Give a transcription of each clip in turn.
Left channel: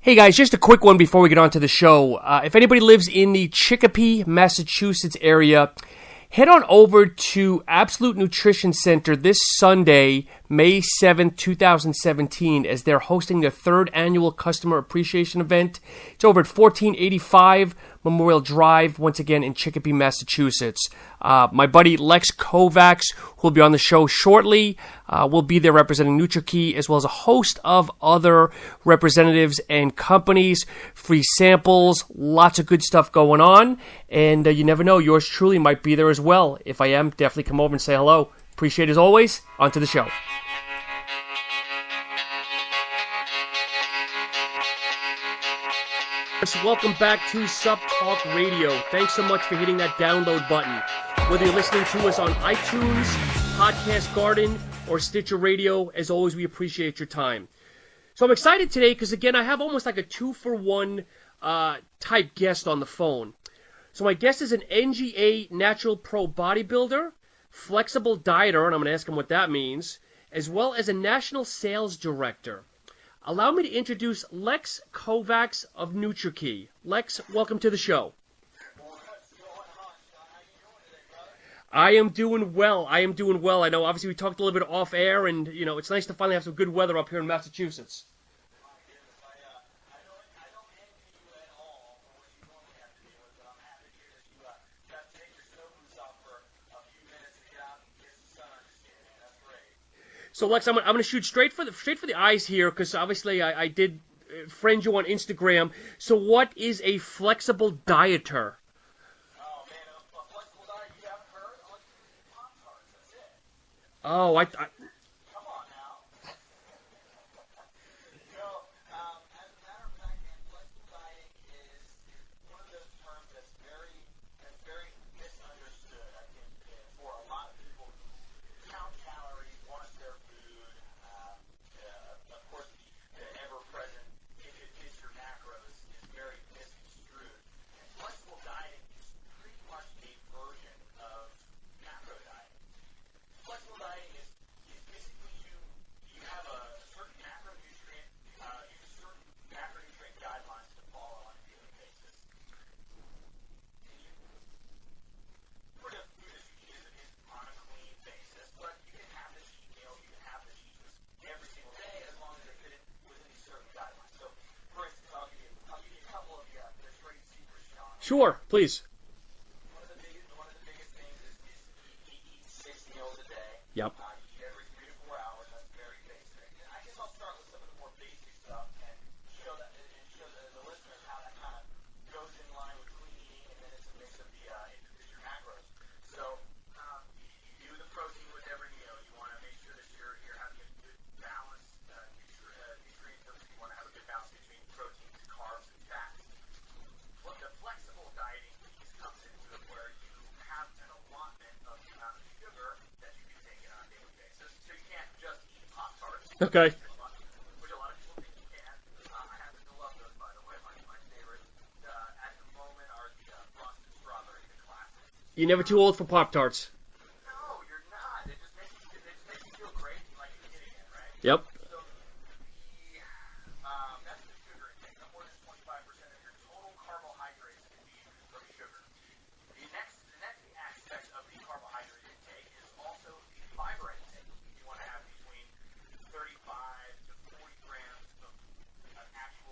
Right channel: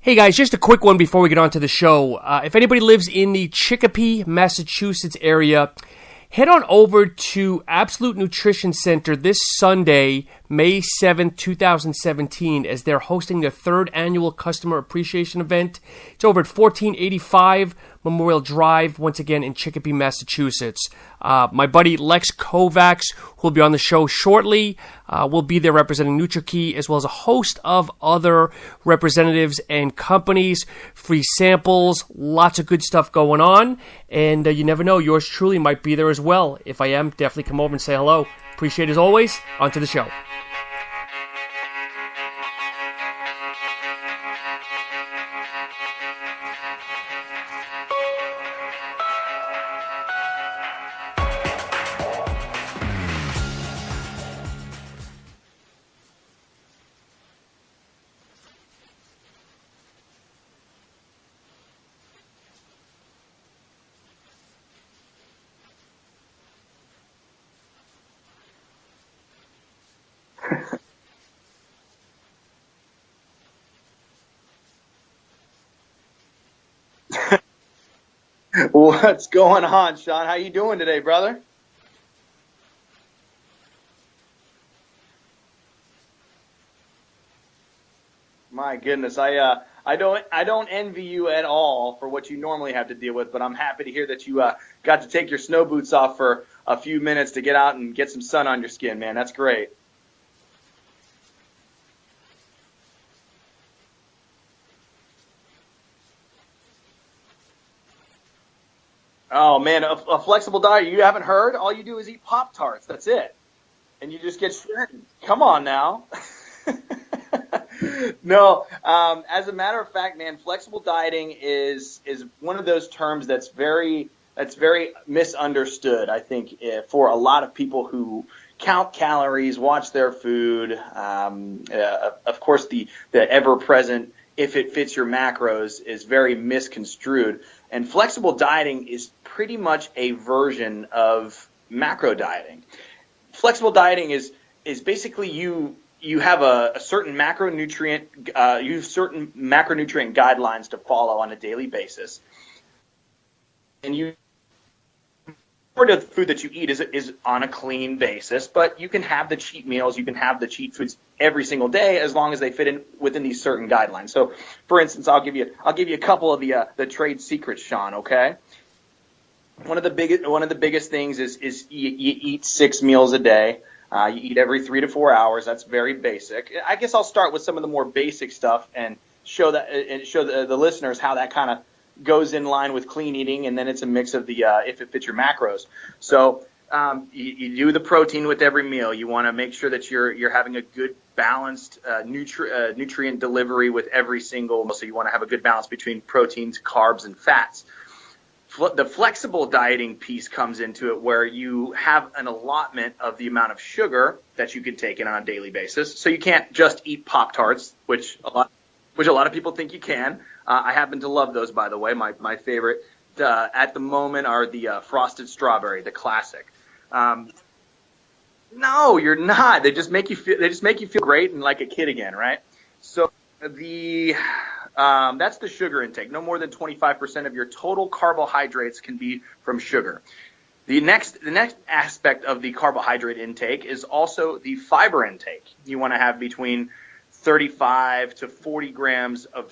Hey guys, just a quick one before we get on to the show. If anybody lives in the Chicopee, Massachusetts area, head on over to Absolute Nutrition Center this Sunday, May 7th, 2017, as they're hosting their third annual Customer Appreciation Event. It's over at 1485 Memorial Drive, once again in Chicopee, Massachusetts. My buddy Lex Kovacs, who will be on the show shortly, will be there representing Nutrakey, as well as a host of other representatives and companies. Free samples, lots of good stuff going on, and you never know, yours truly might be there as well. If I am, definitely come over and say hello. Appreciate it as always. On to the show. Welcome back to SupppTalk Radio. Thanks so much for hitting that download button. Whether you're listening to us on iTunes, Podcast Garden, or Stitcher Radio, as always, we appreciate your time. So I'm excited today because, again, I have almost like a 2-for-1 type guest on the phone. So my guest is an NGA Natural Pro bodybuilder, flexible dieter, and I'm going to ask him what that means, as well as a national sales director. Allow me to introduce Lex Kovacs of Nutrakey. Lex, welcome to the show. What's going on, Sean? How you doing today, brother? I am doing well. I know, obviously, we talked a little bit off air, and it's nice to finally have some good weather up here in Massachusetts. My goodness, I don't envy you at all for what you normally have to deal with, but I'm happy to hear that you got to take your snow boots off for a few minutes to get out and get some sun on your skin, man. That's great. So, Lex, I'm going to shoot straight for the eyes here because obviously I did friend you on Instagram. So what is a flexible dieter? Oh, man, a flexible diet. You haven't heard? All you do is eat Pop-Tarts. That's it. And you just get strengthened. Come on now. No, as a matter of fact, man, flexible dieting is one of those terms that's very misunderstood, I think, for a lot of people who count calories, watch their food. Of course, the ever-present "if it fits your macros" is very misconstrued. And flexible dieting is pretty much a version of macro dieting. Flexible dieting is basically you have a certain macronutrient guidelines to follow on a daily basis, and the food that you eat is on a clean basis, but you can have the cheat meals, you can have the cheat foods every single day as long as they fit in within these certain guidelines. So, for instance, I'll give you a couple of the trade secrets, Sean. Okay, sure, please. One of the biggest things is you eat 6 meals a day. Yep. You eat every 3 to 4 hours. That's very basic. I guess I'll start with some of the more basic stuff and show the listeners how that kind of goes in line with clean eating, and then it's a mix of the if it fits your macros. So you do the protein with every meal. You want to make sure that you're having a good balanced nutrient delivery with every single meal. So you want to have a good balance between proteins, carbs, and fats. The flexible dieting piece comes into it where you have an allotment of the amount of sugar that you can take in on a daily basis. So you can't just eat Pop-Tarts, which a lot of people think you can. I happen to love those, by the way. My favorite at the moment are the frosted strawberry. You're never too old for Pop-Tarts. No, you're not. They just make you feel great and like a kid again, right? So that's the sugar intake. No more than 25% of your total carbohydrates can be from sugar. The next aspect of the carbohydrate intake is also the fiber intake. You want to have between 35 to 40 grams of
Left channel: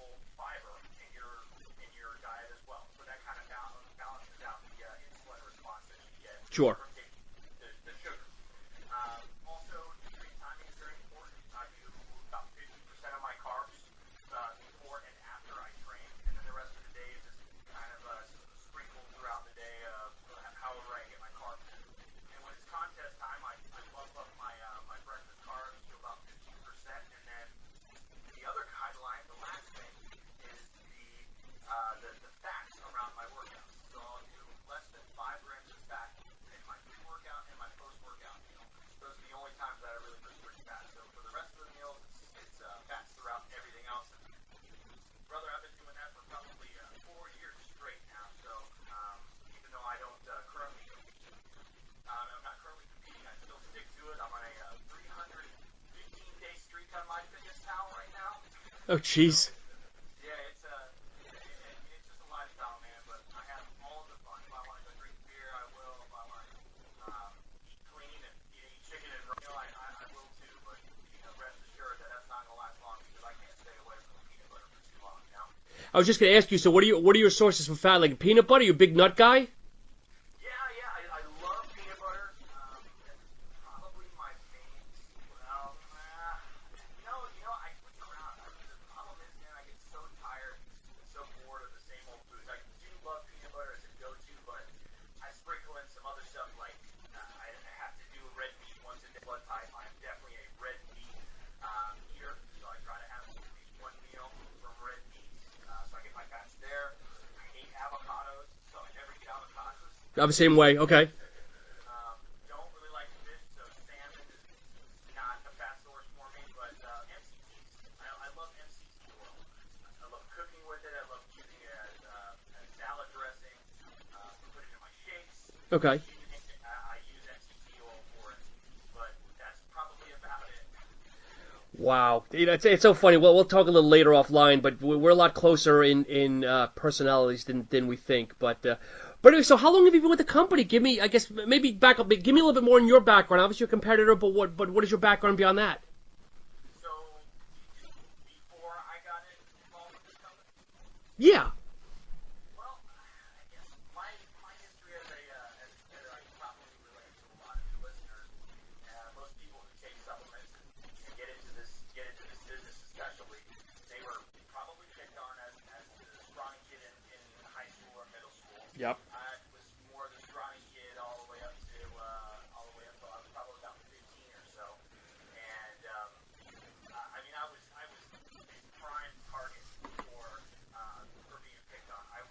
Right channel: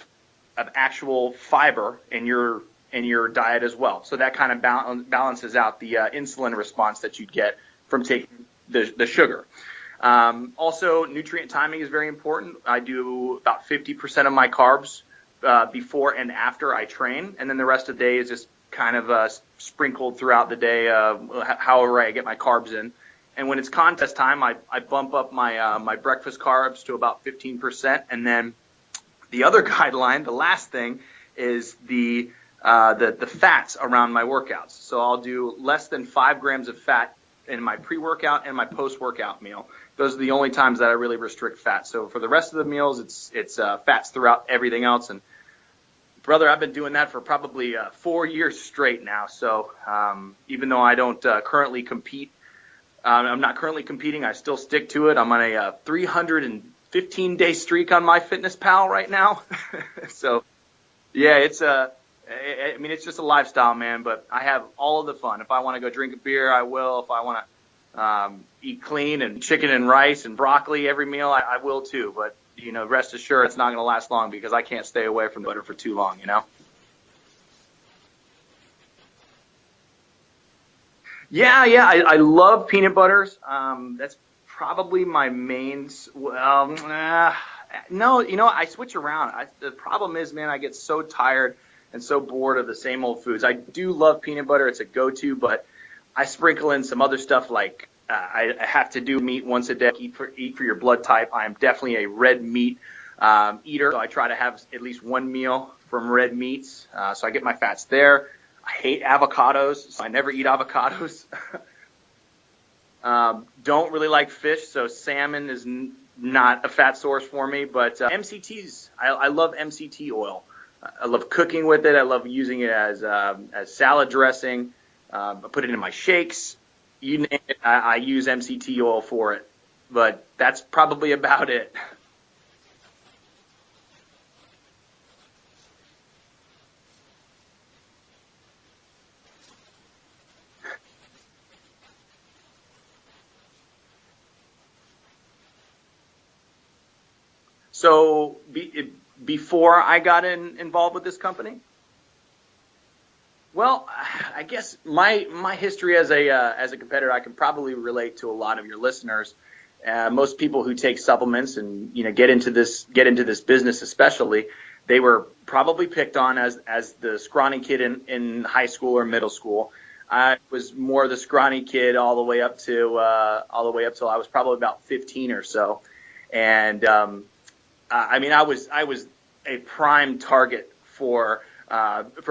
actual fiber in your diet as well. So that kind of balances out the insulin response that you'd get from taking the sugar. Also, nutrient timing is very important. I do about 50% of my carbs before and after I train, and then the rest of the day is just kind of sprinkled throughout the day, however I get my carbs in. And when it's contest time, I bump up my breakfast carbs to about 15%, and then the other guideline, the last thing, is the fats around my workouts. So I'll do less than 5 grams of fat in my pre-workout and my post-workout meal. Those are the only times that I really restrict fat. So for the rest of the meals, it's fats throughout everything else. And brother, I've been doing that for probably 4 years straight now. So even though I don't currently compete, I'm not currently competing, I still stick to it. I'm on a 350 15-day streak on MyFitnessPal right now. So, yeah, it's it's just a lifestyle, man. But I have all of the fun. If I want to go drink a beer, I will. If I want to eat clean and chicken and rice and broccoli every meal, I will too. But rest assured, it's not going to last long because I can't stay away from butter for too long. I was just going to ask you. So, what are your sources for fat? Like peanut butter? You a big nut guy? Yeah. I love peanut butters. That's probably my main. No, I switch around. The problem is, man, I get so tired and so bored of the same old foods. I do love peanut butter. It's a go-to, but I sprinkle in some other stuff like I have to do meat once a day. Eat for your blood type. I am definitely a red meat eater, so I try to have at least one meal from red meats, so I get my fats there. I hate avocados, so I never eat avocados. Okay. Don't really like fish, so salmon is not a fat source for me. But MCTs, I love MCT oil. I love cooking with it. I love using it as salad dressing. I put it in my shakes. You name it, I use MCT oil for it. But that's probably about it. Wow, it's so funny. Well, we'll talk a little later offline, but we're a lot closer in personalities than we think. But anyway, so how long have you been with the company? Give me, I guess, maybe back up. Give me a little bit more in your background. Obviously, you're a competitor, but what is your background beyond that? So before I got involved with this company. Yeah. Well, I guess my history as a competitor, I can probably relate to a lot of your listeners. Most people who take supplements and get into this business, especially, they were probably picked on as the scrawny kid in high school or middle school. I was more the scrawny kid all the way up till I was probably about 15 or so, and I was a prime target for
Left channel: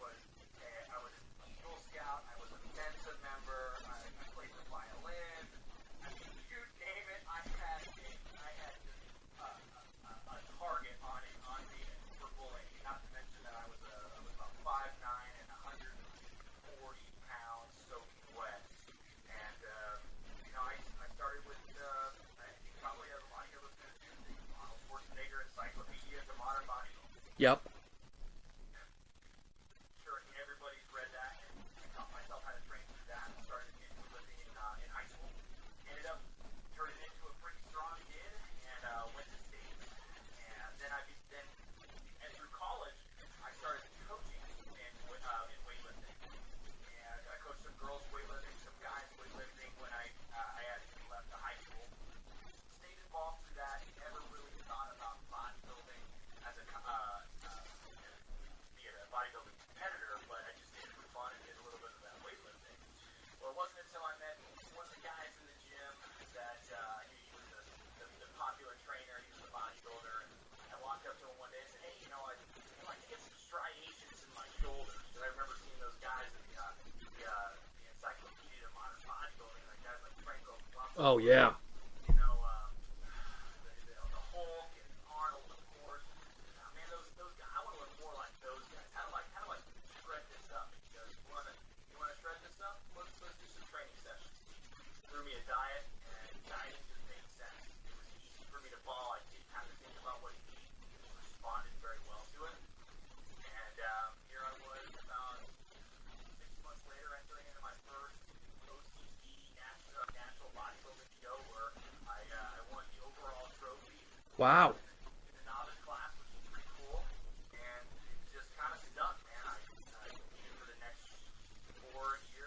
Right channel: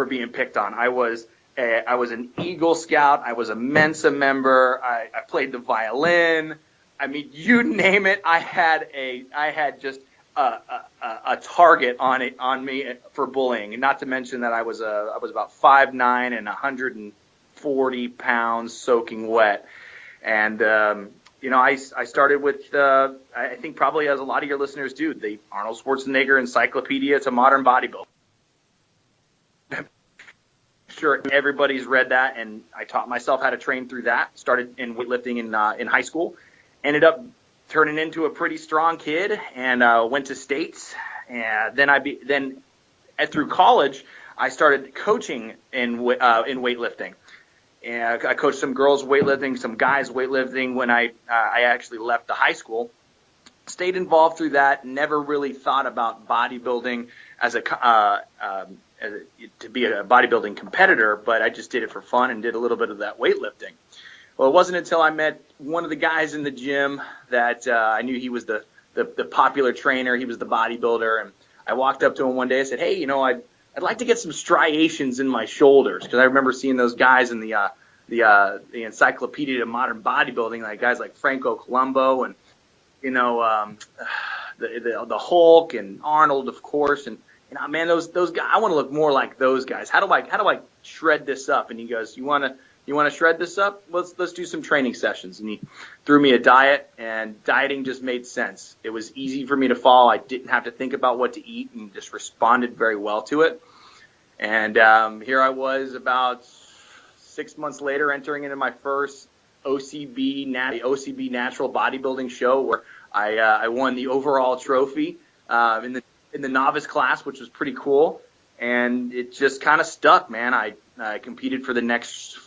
being picked on. I was an Eagle Scout. I was a Mensa member. I played the violin. I mean, you name it. I had just a target on me for bullying. Not to mention that I was about 5'9" and 140 pounds, soaking wet. And I started with I think probably as a lot of your listeners do, the Arnold Schwarzenegger Encyclopedia to Modern Bodybuilding. Sure, everybody's read that, and I taught myself how to train through that. Started in weightlifting in high school. Ended up turning into a pretty strong kid, and went to states. And then through college, I started coaching in weightlifting. And I coached some girls weightlifting, some guys weightlifting when I actually left the high school. Stayed involved through that. Never really thought about bodybuilding to be a bodybuilding competitor, but I just did it for fun and did a little bit of that weightlifting. Well, it wasn't until I met one of the guys in the gym that I knew he was the popular trainer. He was the bodybuilder, and I walked up to him one day and said, "Hey, I'd like to get some striations in my shoulders," because I remember seeing those guys in the Encyclopedia of Modern Bodybuilding, like guys like Franco Columbo and the Hulk and Arnold, of course, and man, those guys, I want to look more like those guys. How do I shred this up? And he goes, "You want to shred this up? Let's do some training sessions." And he threw me a diet, and dieting just made sense. It was easy for me to follow. I didn't have to think about what to eat, and just responded very well to it. And here I was about 6 months later, entering into my first OCB Natural Bodybuilding show, where I won the overall trophy in the novice class, which was pretty cool. And it just kind of stuck, man. I competed for the next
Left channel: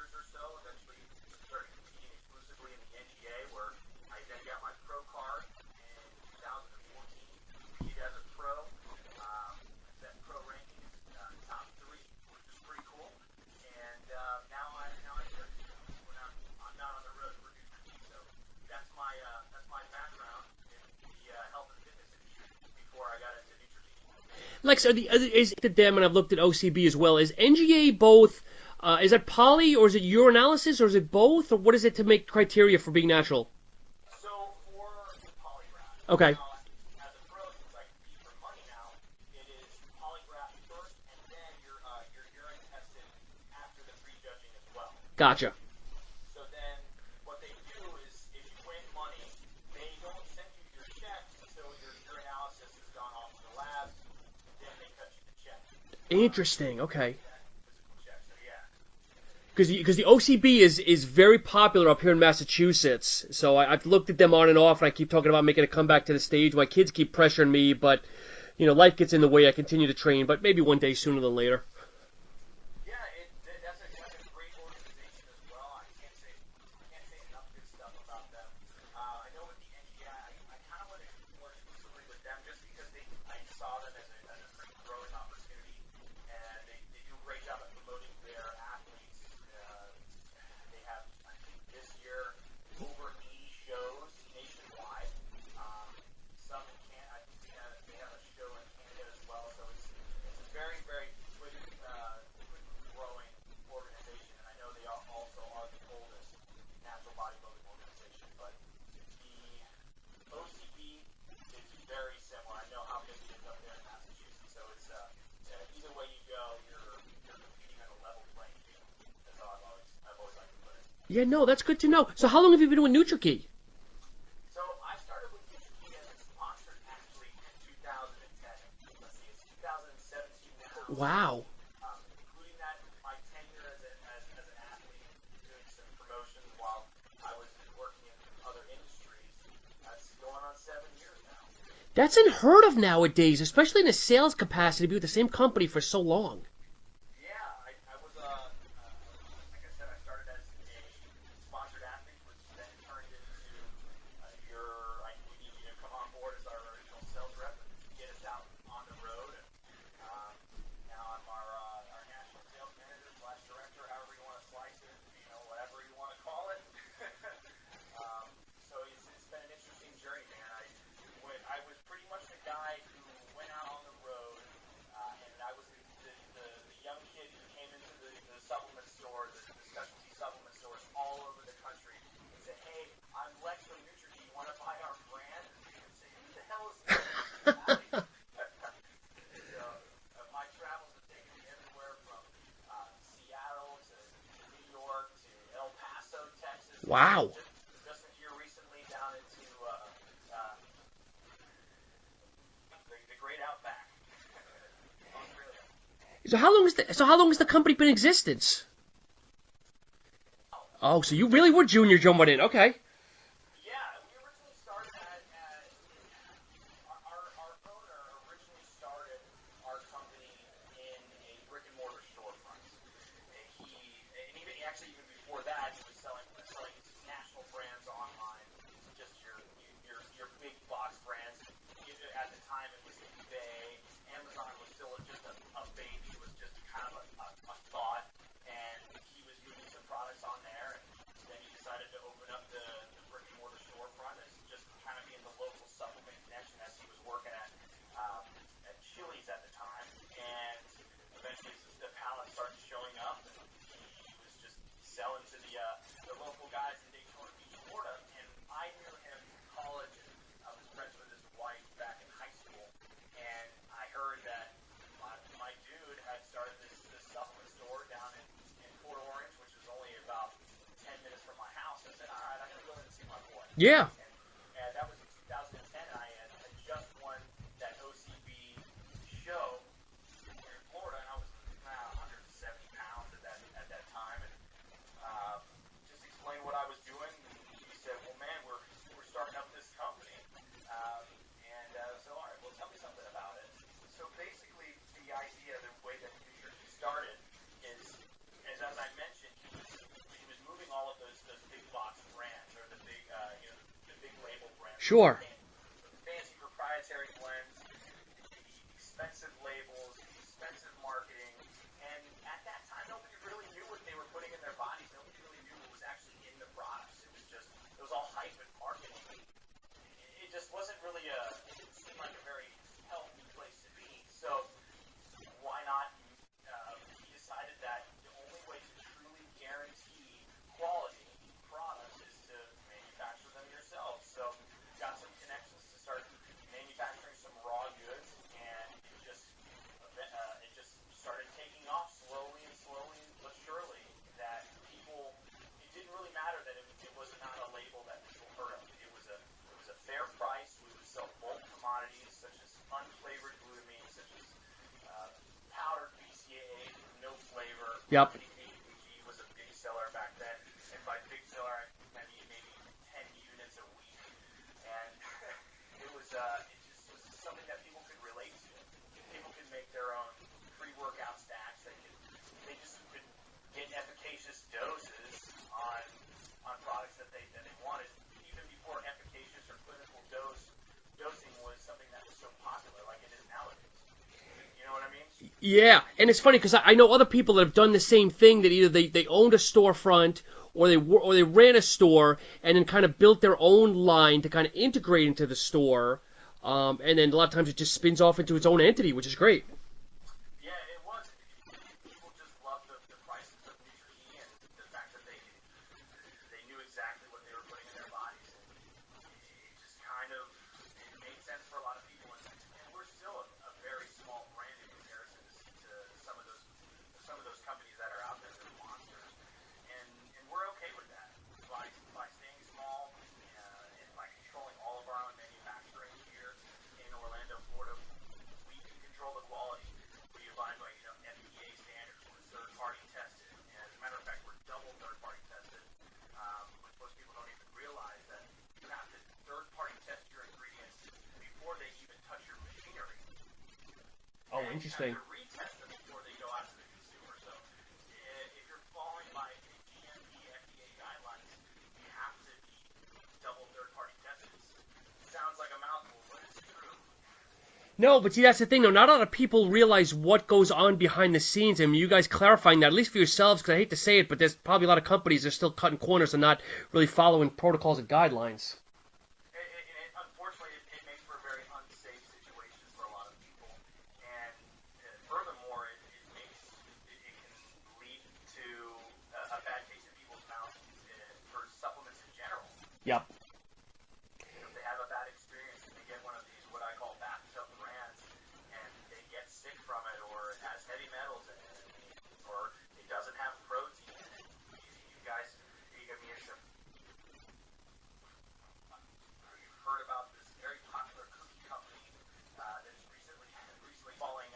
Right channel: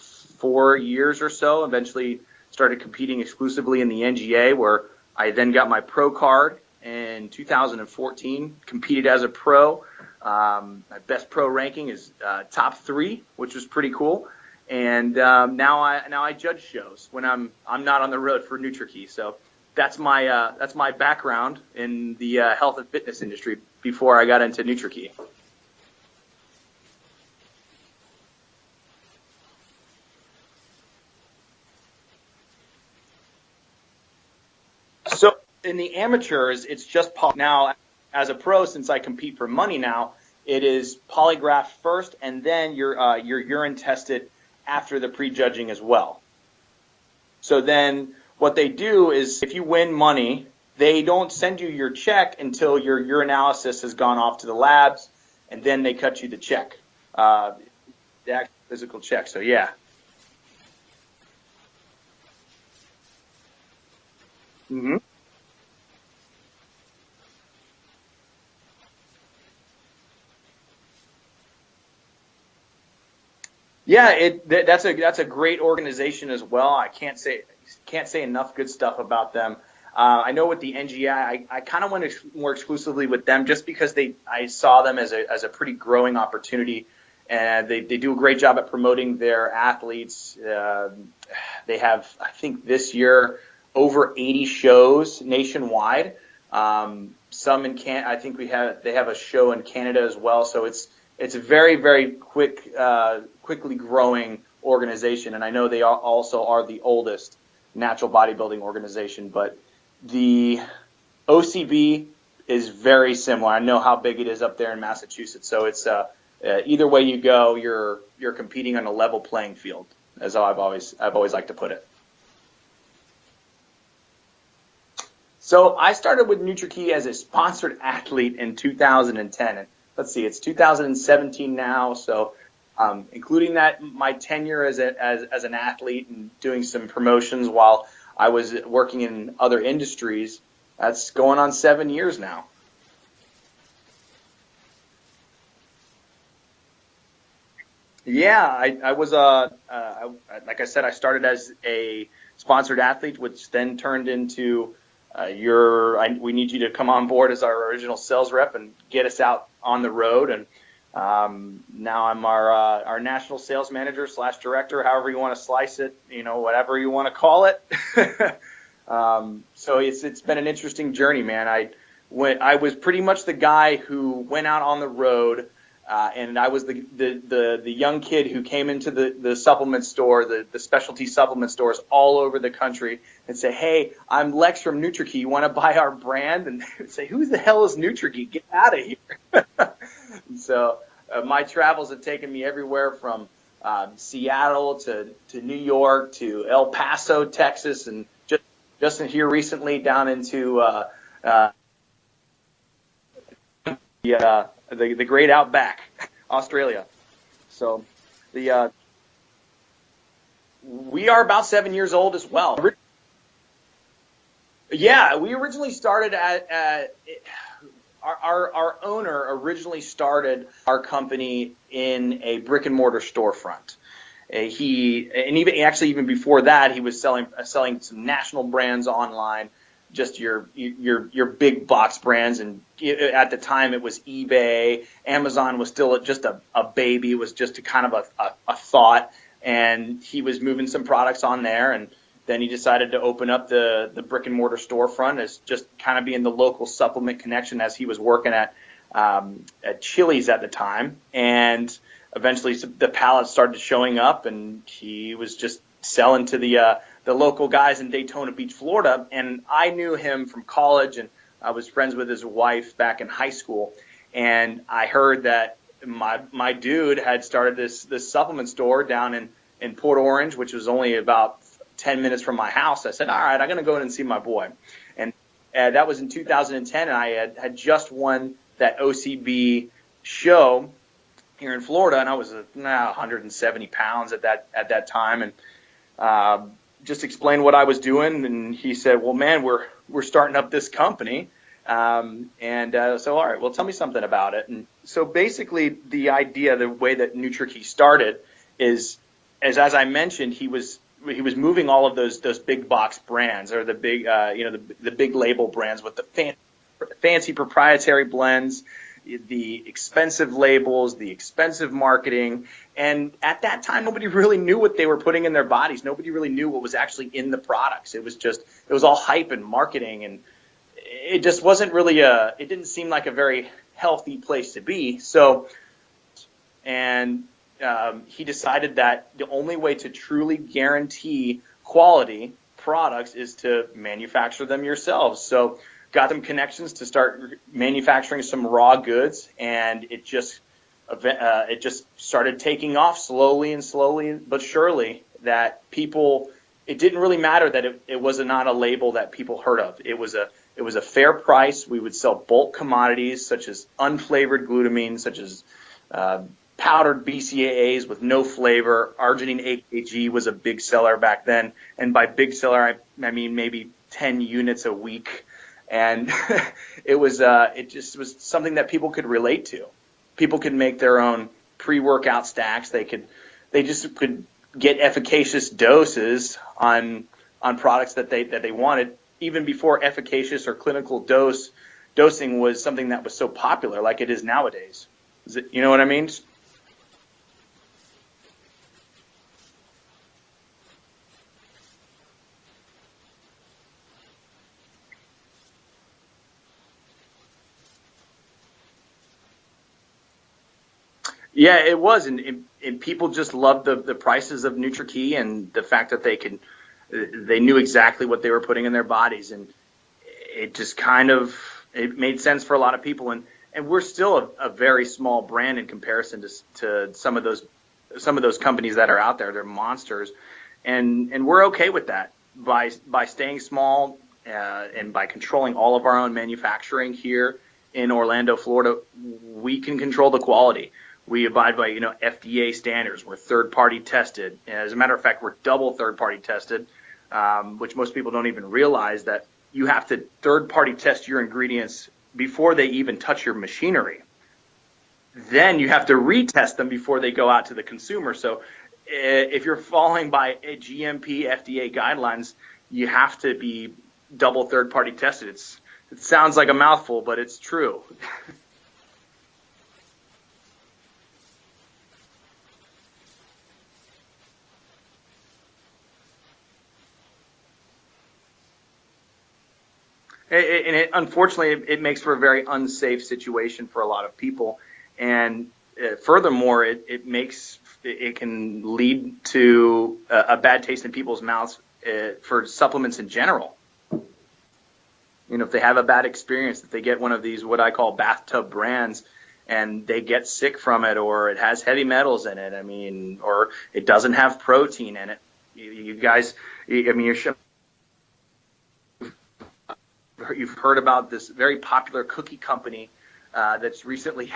4 years or so. Eventually started competing exclusively in the NGA, where I then got my pro card in 2014, competed as a pro. My best pro ranking is top 3, which was pretty cool. And now I judge shows when I'm not on the road for Nutrakey. So that's my background in the health and fitness industry before I got into Nutrakey. Is it them, and I've looked at OCB as well. Is NGA both? Is it poly, or is it urinalysis, or is it both, or what is it to make criteria for being natural? So in the amateurs, it's just poly. Now, as a pro, since I compete for money now, it is polygraph first, and then your urine tested after the prejudging as well. So then what they do is, if you win money they don't send you your check until your urinalysis has gone off to the labs, and then they cut you the check. Interesting. Okay. The actual physical check. So yeah, because the OCB is very popular up here in Massachusetts. So I've looked at them on and off, and I keep talking about making a comeback to the stage. My kids keep pressuring me, but life gets in the way. I continue to train, but maybe one day sooner than later. Yeah, that's a great organization as well. I can't say enough good stuff about them. I know with the NGI, I kind of went more exclusively with them just because I saw them as a pretty growing opportunity, and they do a great job at promoting their athletes. They have, I think, this year over 80 shows nationwide. Some in I think they have a show in Canada as well. So it's a very, very quickly growing organization, and I know they also are the oldest natural bodybuilding organization, but the OCB is very similar. I know how big it is up there in Massachusetts, so it's either way you go, you're competing on a level playing field. As I've always liked to put it. That's good to know. So how long have you been doing Nutrakey? So I started with Nutrakey as a sponsored athlete in 2010. Let's see, it's 2017 now, so including that my tenure as an athlete and doing some promotions while I was working in other industries, that's going on 7 years now. That's unheard of nowadays, especially in a sales capacity, to be with the same company for so long. Yeah, I was like I said, I started as a sponsored athlete, which then turned into we need you to come on board as our original sales rep and get us out on the road. And now I'm our national sales manager / director, however you want to slice it, whatever you want to call it. So it's been an interesting journey, man. I was pretty much the guy who went out on the road, and I was the young kid who came into the supplement store, the specialty supplement stores all over the country, and say, "Hey, I'm Lex from Nutrakey. You want to buy our brand?" And say, "Who the hell is Nutrakey? Get out of here!" So my travels have taken me everywhere from Seattle to New York to El Paso, Texas, and just here recently down into the great outback, Australia. How long has the company been in existence? We are about 7 years old as well. Okay. Yeah, we originally started at our owner originally started our company in a brick and mortar storefront. Even before that, he was selling some national brands online, just your big box brands. And at the time, it was eBay. Amazon was still just a baby. It was just a kind of a thought. And he was moving some products on there. And then he decided to open up the brick and mortar storefront as just kind of being the local supplement connection, as he was working at Chili's at the time. And eventually the pallets started showing up, and he was just selling to the local guys in Daytona Beach, Florida. And I knew him from college, and I was friends with his wife back in high school. And I heard that my dude had started this supplement store down in Port Orange, which was only about 10 minutes from my house. I said, all right, I'm going to go and see my boy. And that was in 2010, and I had just won that OCB show here in Florida, and I was 170 pounds at that time, and just explained what I was doing. And he said, well, man, we're starting up this company. So, all right, well, tell me something about it. And so basically the idea, the way that Nutrakey started is, as I mentioned, he was moving all of those big box brands, or the big, the big label brands with the fancy proprietary blends, the expensive labels, the expensive marketing. And at that time, nobody really knew what they were putting in their bodies. Nobody really knew what was actually in the products. It was all hype and marketing, and it just wasn't really it didn't seem like a very healthy place to be. So, he decided that the only way to truly guarantee quality products is to manufacture them yourselves. So got them connections to start manufacturing some raw goods, and it just started taking off slowly but surely, that people, it didn't really matter that it was not a label that people heard of. It was It was a fair price. We would sell bulk commodities such as unflavored glutamine, such as powdered BCAAs with no flavor. Arginine AKG was a big seller back then, and by big seller I mean maybe 10 units a week. And it just was something that people could relate to. People could make their own pre-workout stacks. They just could get efficacious doses on products that they wanted, even before efficacious or clinical dosing was something that was so popular like it is nowadays. You know what I mean? And it's funny because I know other people that have done the same thing, that either they owned a storefront or they ran a store and then kind of built their own line to kind of integrate into the store, and then a lot of times it just spins off into its own entity, which is great. Yeah, it was, and people just loved the prices of Nutrakey and the fact that they knew exactly what they were putting in their bodies, and it just it made sense for a lot of people, and we're still a very small brand in comparison to some of those companies that are out there. They're monsters, and we're okay with that by staying small and by controlling all of our own manufacturing here in Orlando, Florida. We can control the quality. We abide by FDA standards. We're third-party tested. As a matter of fact, we're double third-party tested, which most people don't even realize, that you have to third-party test your ingredients before they even touch your machinery. Oh, interesting. Then you have to retest them before they go out to the consumer. So if you're following by GMP FDA guidelines, you have to be double third-party tested. It sounds like a mouthful, but it's true. No, but see, that's the thing, though. Not a lot of people realize what goes on behind the scenes. I mean, you guys clarifying that, at least for yourselves, because I hate to say it, but there's probably a lot of companies that are still cutting corners and not really following protocols and guidelines. And unfortunately, it makes for a very unsafe situation for a lot of people. And furthermore, it can lead to a bad taste in people's mouths for supplements in general. If they have a bad experience, if they get one of these what I call bathtub brands and they get sick from it, or it has heavy metals in it, or it doesn't have protein in it. You guys, you've heard about this very popular cookie company that's recently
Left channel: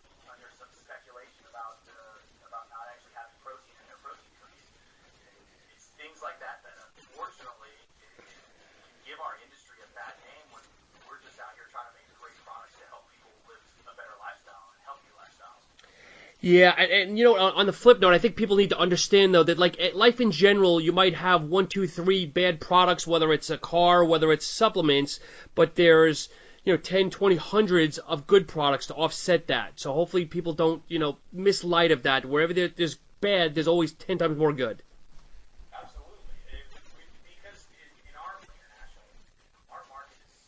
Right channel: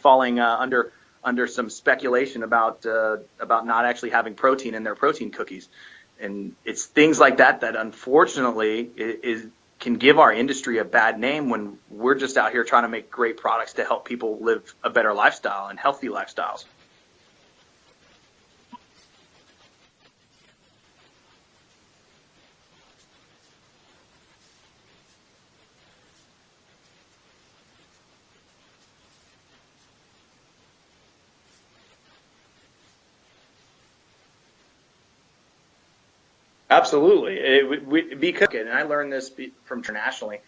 falling under some speculation about not actually having protein in their protein cookies. And it's things like that unfortunately can give our industry a bad name when we're just out here trying to make great products to help people live a better lifestyle and healthy lifestyle. Yeah, and on the flip note, I think people need to understand, though, that like life in general, you might have 1, 2, 3 bad products, whether it's a car, whether it's supplements, but there's 10, 20, hundreds of good products to offset that. So hopefully people don't miss light of that. Wherever there's bad, there's always 10 times more good. Absolutely. Because, and I learned this from internationally,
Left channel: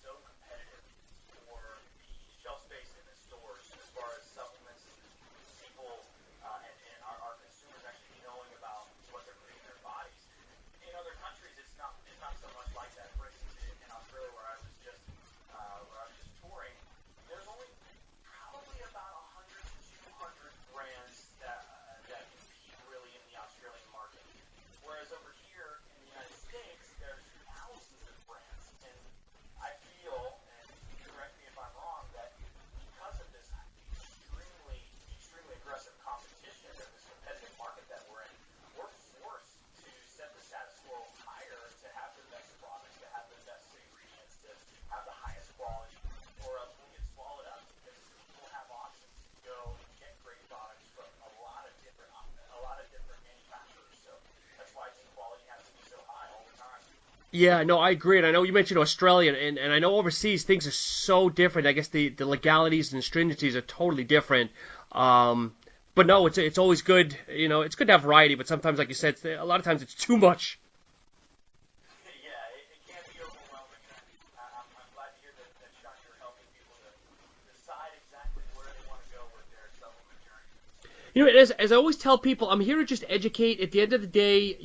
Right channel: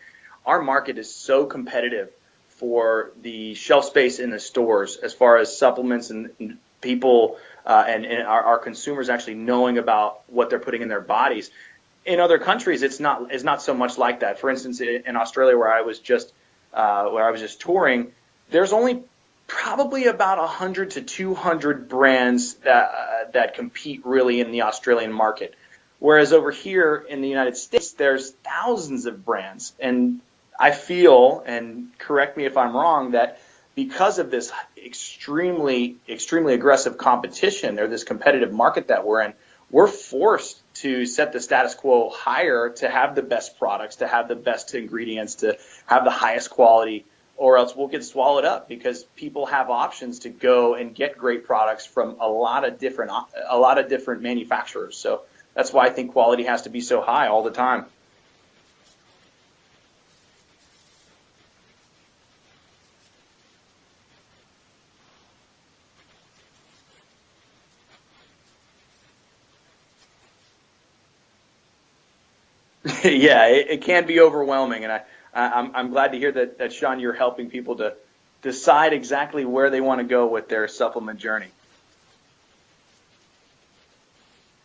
our market is so competitive for the shelf space in the stores as far as supplements and people and our consumers actually knowing about what they're putting in their bodies. In other countries, it's not so much like that. For instance, in Australia, where I was just touring, there's only probably about 100 to 200 brands that compete really in the Australian market. Whereas over here in the United States, there's thousands of brands. And I feel, and correct me if I'm wrong, that because of this extremely, extremely aggressive competition, or this competitive market that we're in, we're forced to set the status quo higher to have the best products, to have the best ingredients, to have the highest quality, or else we'll get swallowed up, because people have options to go and get great products from a lot of different manufacturers. So that's why I think quality has to be so high all the time. Yeah, no, I agree. And I know you mentioned Australia, and I know overseas things are so different. I guess the legalities and stringencies are totally different. But no, it's always good. It's good to have variety, but sometimes, like you said, a lot of times it's too much. Yeah, it can be overwhelming, and I'm glad to hear that Sean, you're helping people to decide exactly where they want to go with their supplement. As I always tell people, I'm here to just educate. At the end of the day,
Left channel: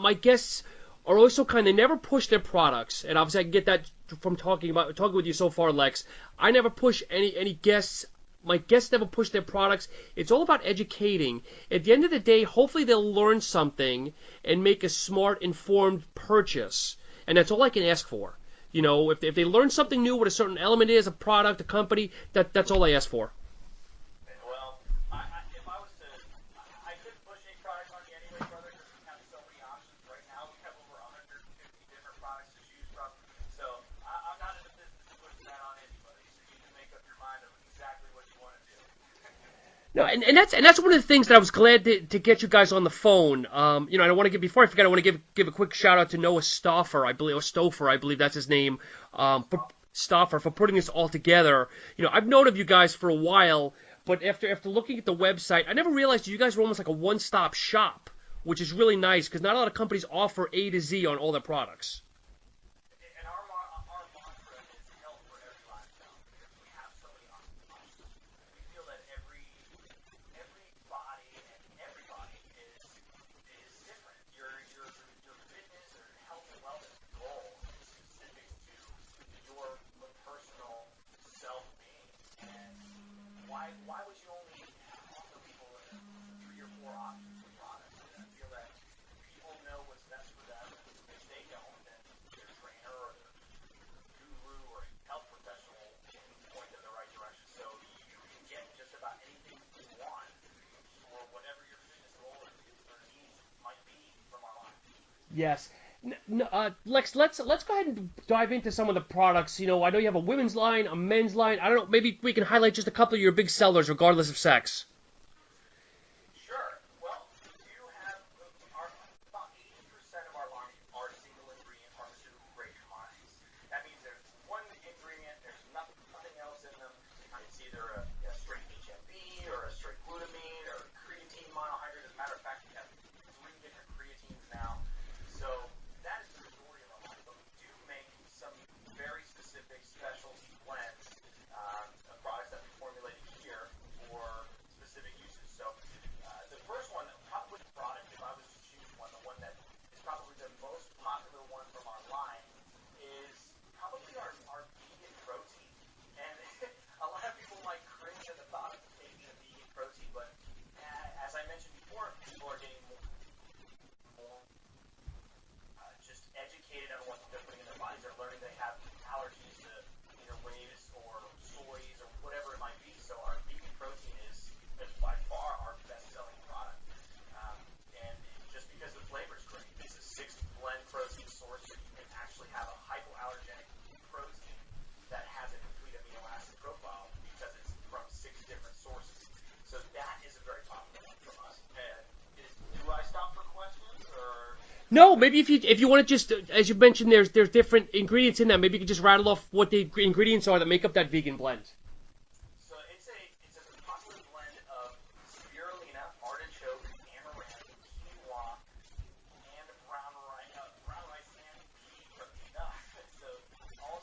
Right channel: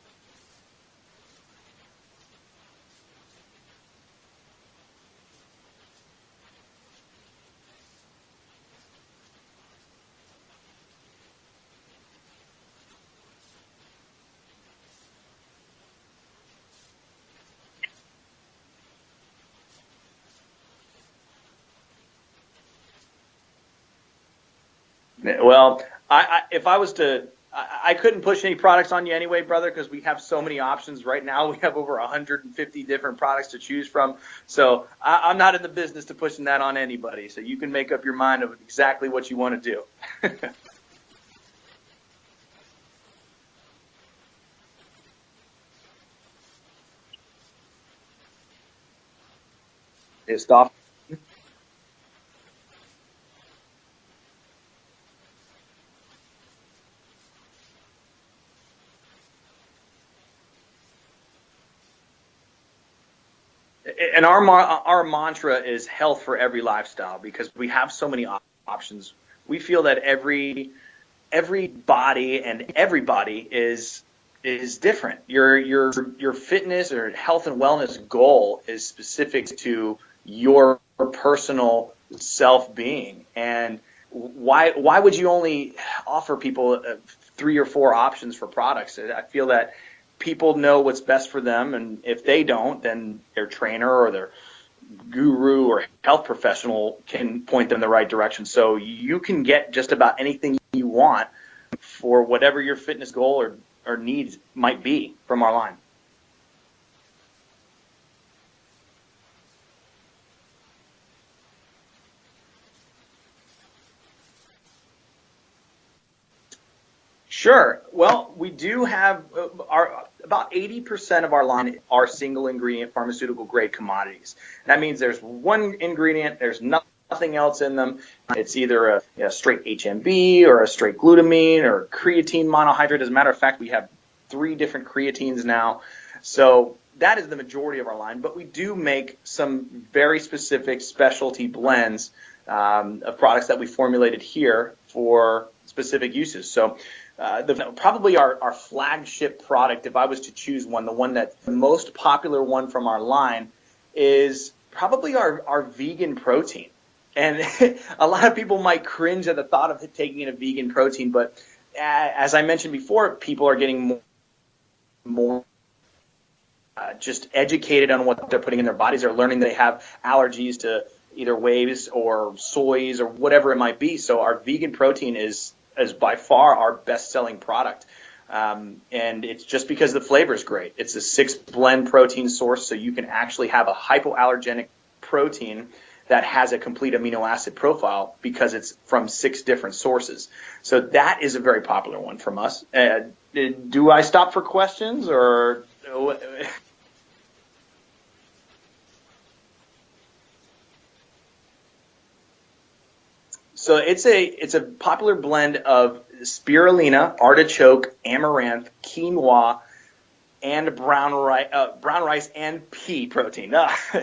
my guests are always so kind. They never push their products, and obviously I can get that from talking with you so far, Lex. I never push any guests. My guests never push their products. It's all about educating. At the end of the day, hopefully they'll learn something and make a smart, informed purchase. And that's all I can ask for. You know, if they learn something new, what a certain element is, a product, a company, that's all I ask for. Well, if I was to, I couldn't push any products on you anyway, brother, because we have so many options right now. We have over 150 different products to choose from. So I'm not in the business to pushing that on anybody. So you can make up your mind of exactly what you want to do. No, and that's one of the things that I was glad to get you guys on the phone. You know, I want to before I forget, I want to give a quick shout out to Noah Stauffer, I believe that's his name, for putting this all together. You know, I've known of you guys for a while. But after looking at the website, I never realized you guys were almost like a one-stop shop, which is really nice because not a lot of companies offer A to Z on all their products. And our mantra is health for every lifestyle because we have so many options. We feel that every body and everybody is different. Your fitness or health and wellness goal is specific to your personal self-being, and why would you only offer people 3 or 4 options for products? I feel that people know what's best for them, and if they don't, then their trainer or their guru or health professional can point them in the right direction. So you can get just about anything you want for whatever your fitness goal or needs might be from our line. Lex, let's go ahead and dive into some of the products. You know, I know you have a women's line, a men's line. I don't know, maybe we can highlight just a couple of your big sellers, regardless of sex. Sure. Well, we do have about 80% of our line are single ingredient pharmaceutical grade commodities. That means there's one ingredient, there's nothing else in them. It's either a straight HMB or a straight glutamine or creatine monohydrate. As a matter of fact, we have 3 different creatines now. So that is the majority of our line, but we do make some very specific specialty blends of products that we formulated here for specific uses. So probably our flagship product, if I was to choose one, the most popular one from our line is probably our vegan protein. And a lot of people might cringe at the thought of taking in a vegan protein, but as I mentioned before, people are getting more just educated on what they're putting in their bodies. They're learning they have allergies to either waves or soys or whatever it might be. So our vegan protein is by far our best-selling product. And it's just because the flavor is great. It's a 6-blend protein source, so you can actually have a hypoallergenic protein that has a complete amino acid profile because it's from 6 different sources. So that is a very popular one from us. Do I stop for questions? No, maybe if you want to just, as you mentioned, there's different ingredients in that. Maybe you can just rattle off what the ingredients are that make up that vegan blend. So it's a popular blend of spirulina, artichoke, amaranth, quinoa, and brown rice and pea protein.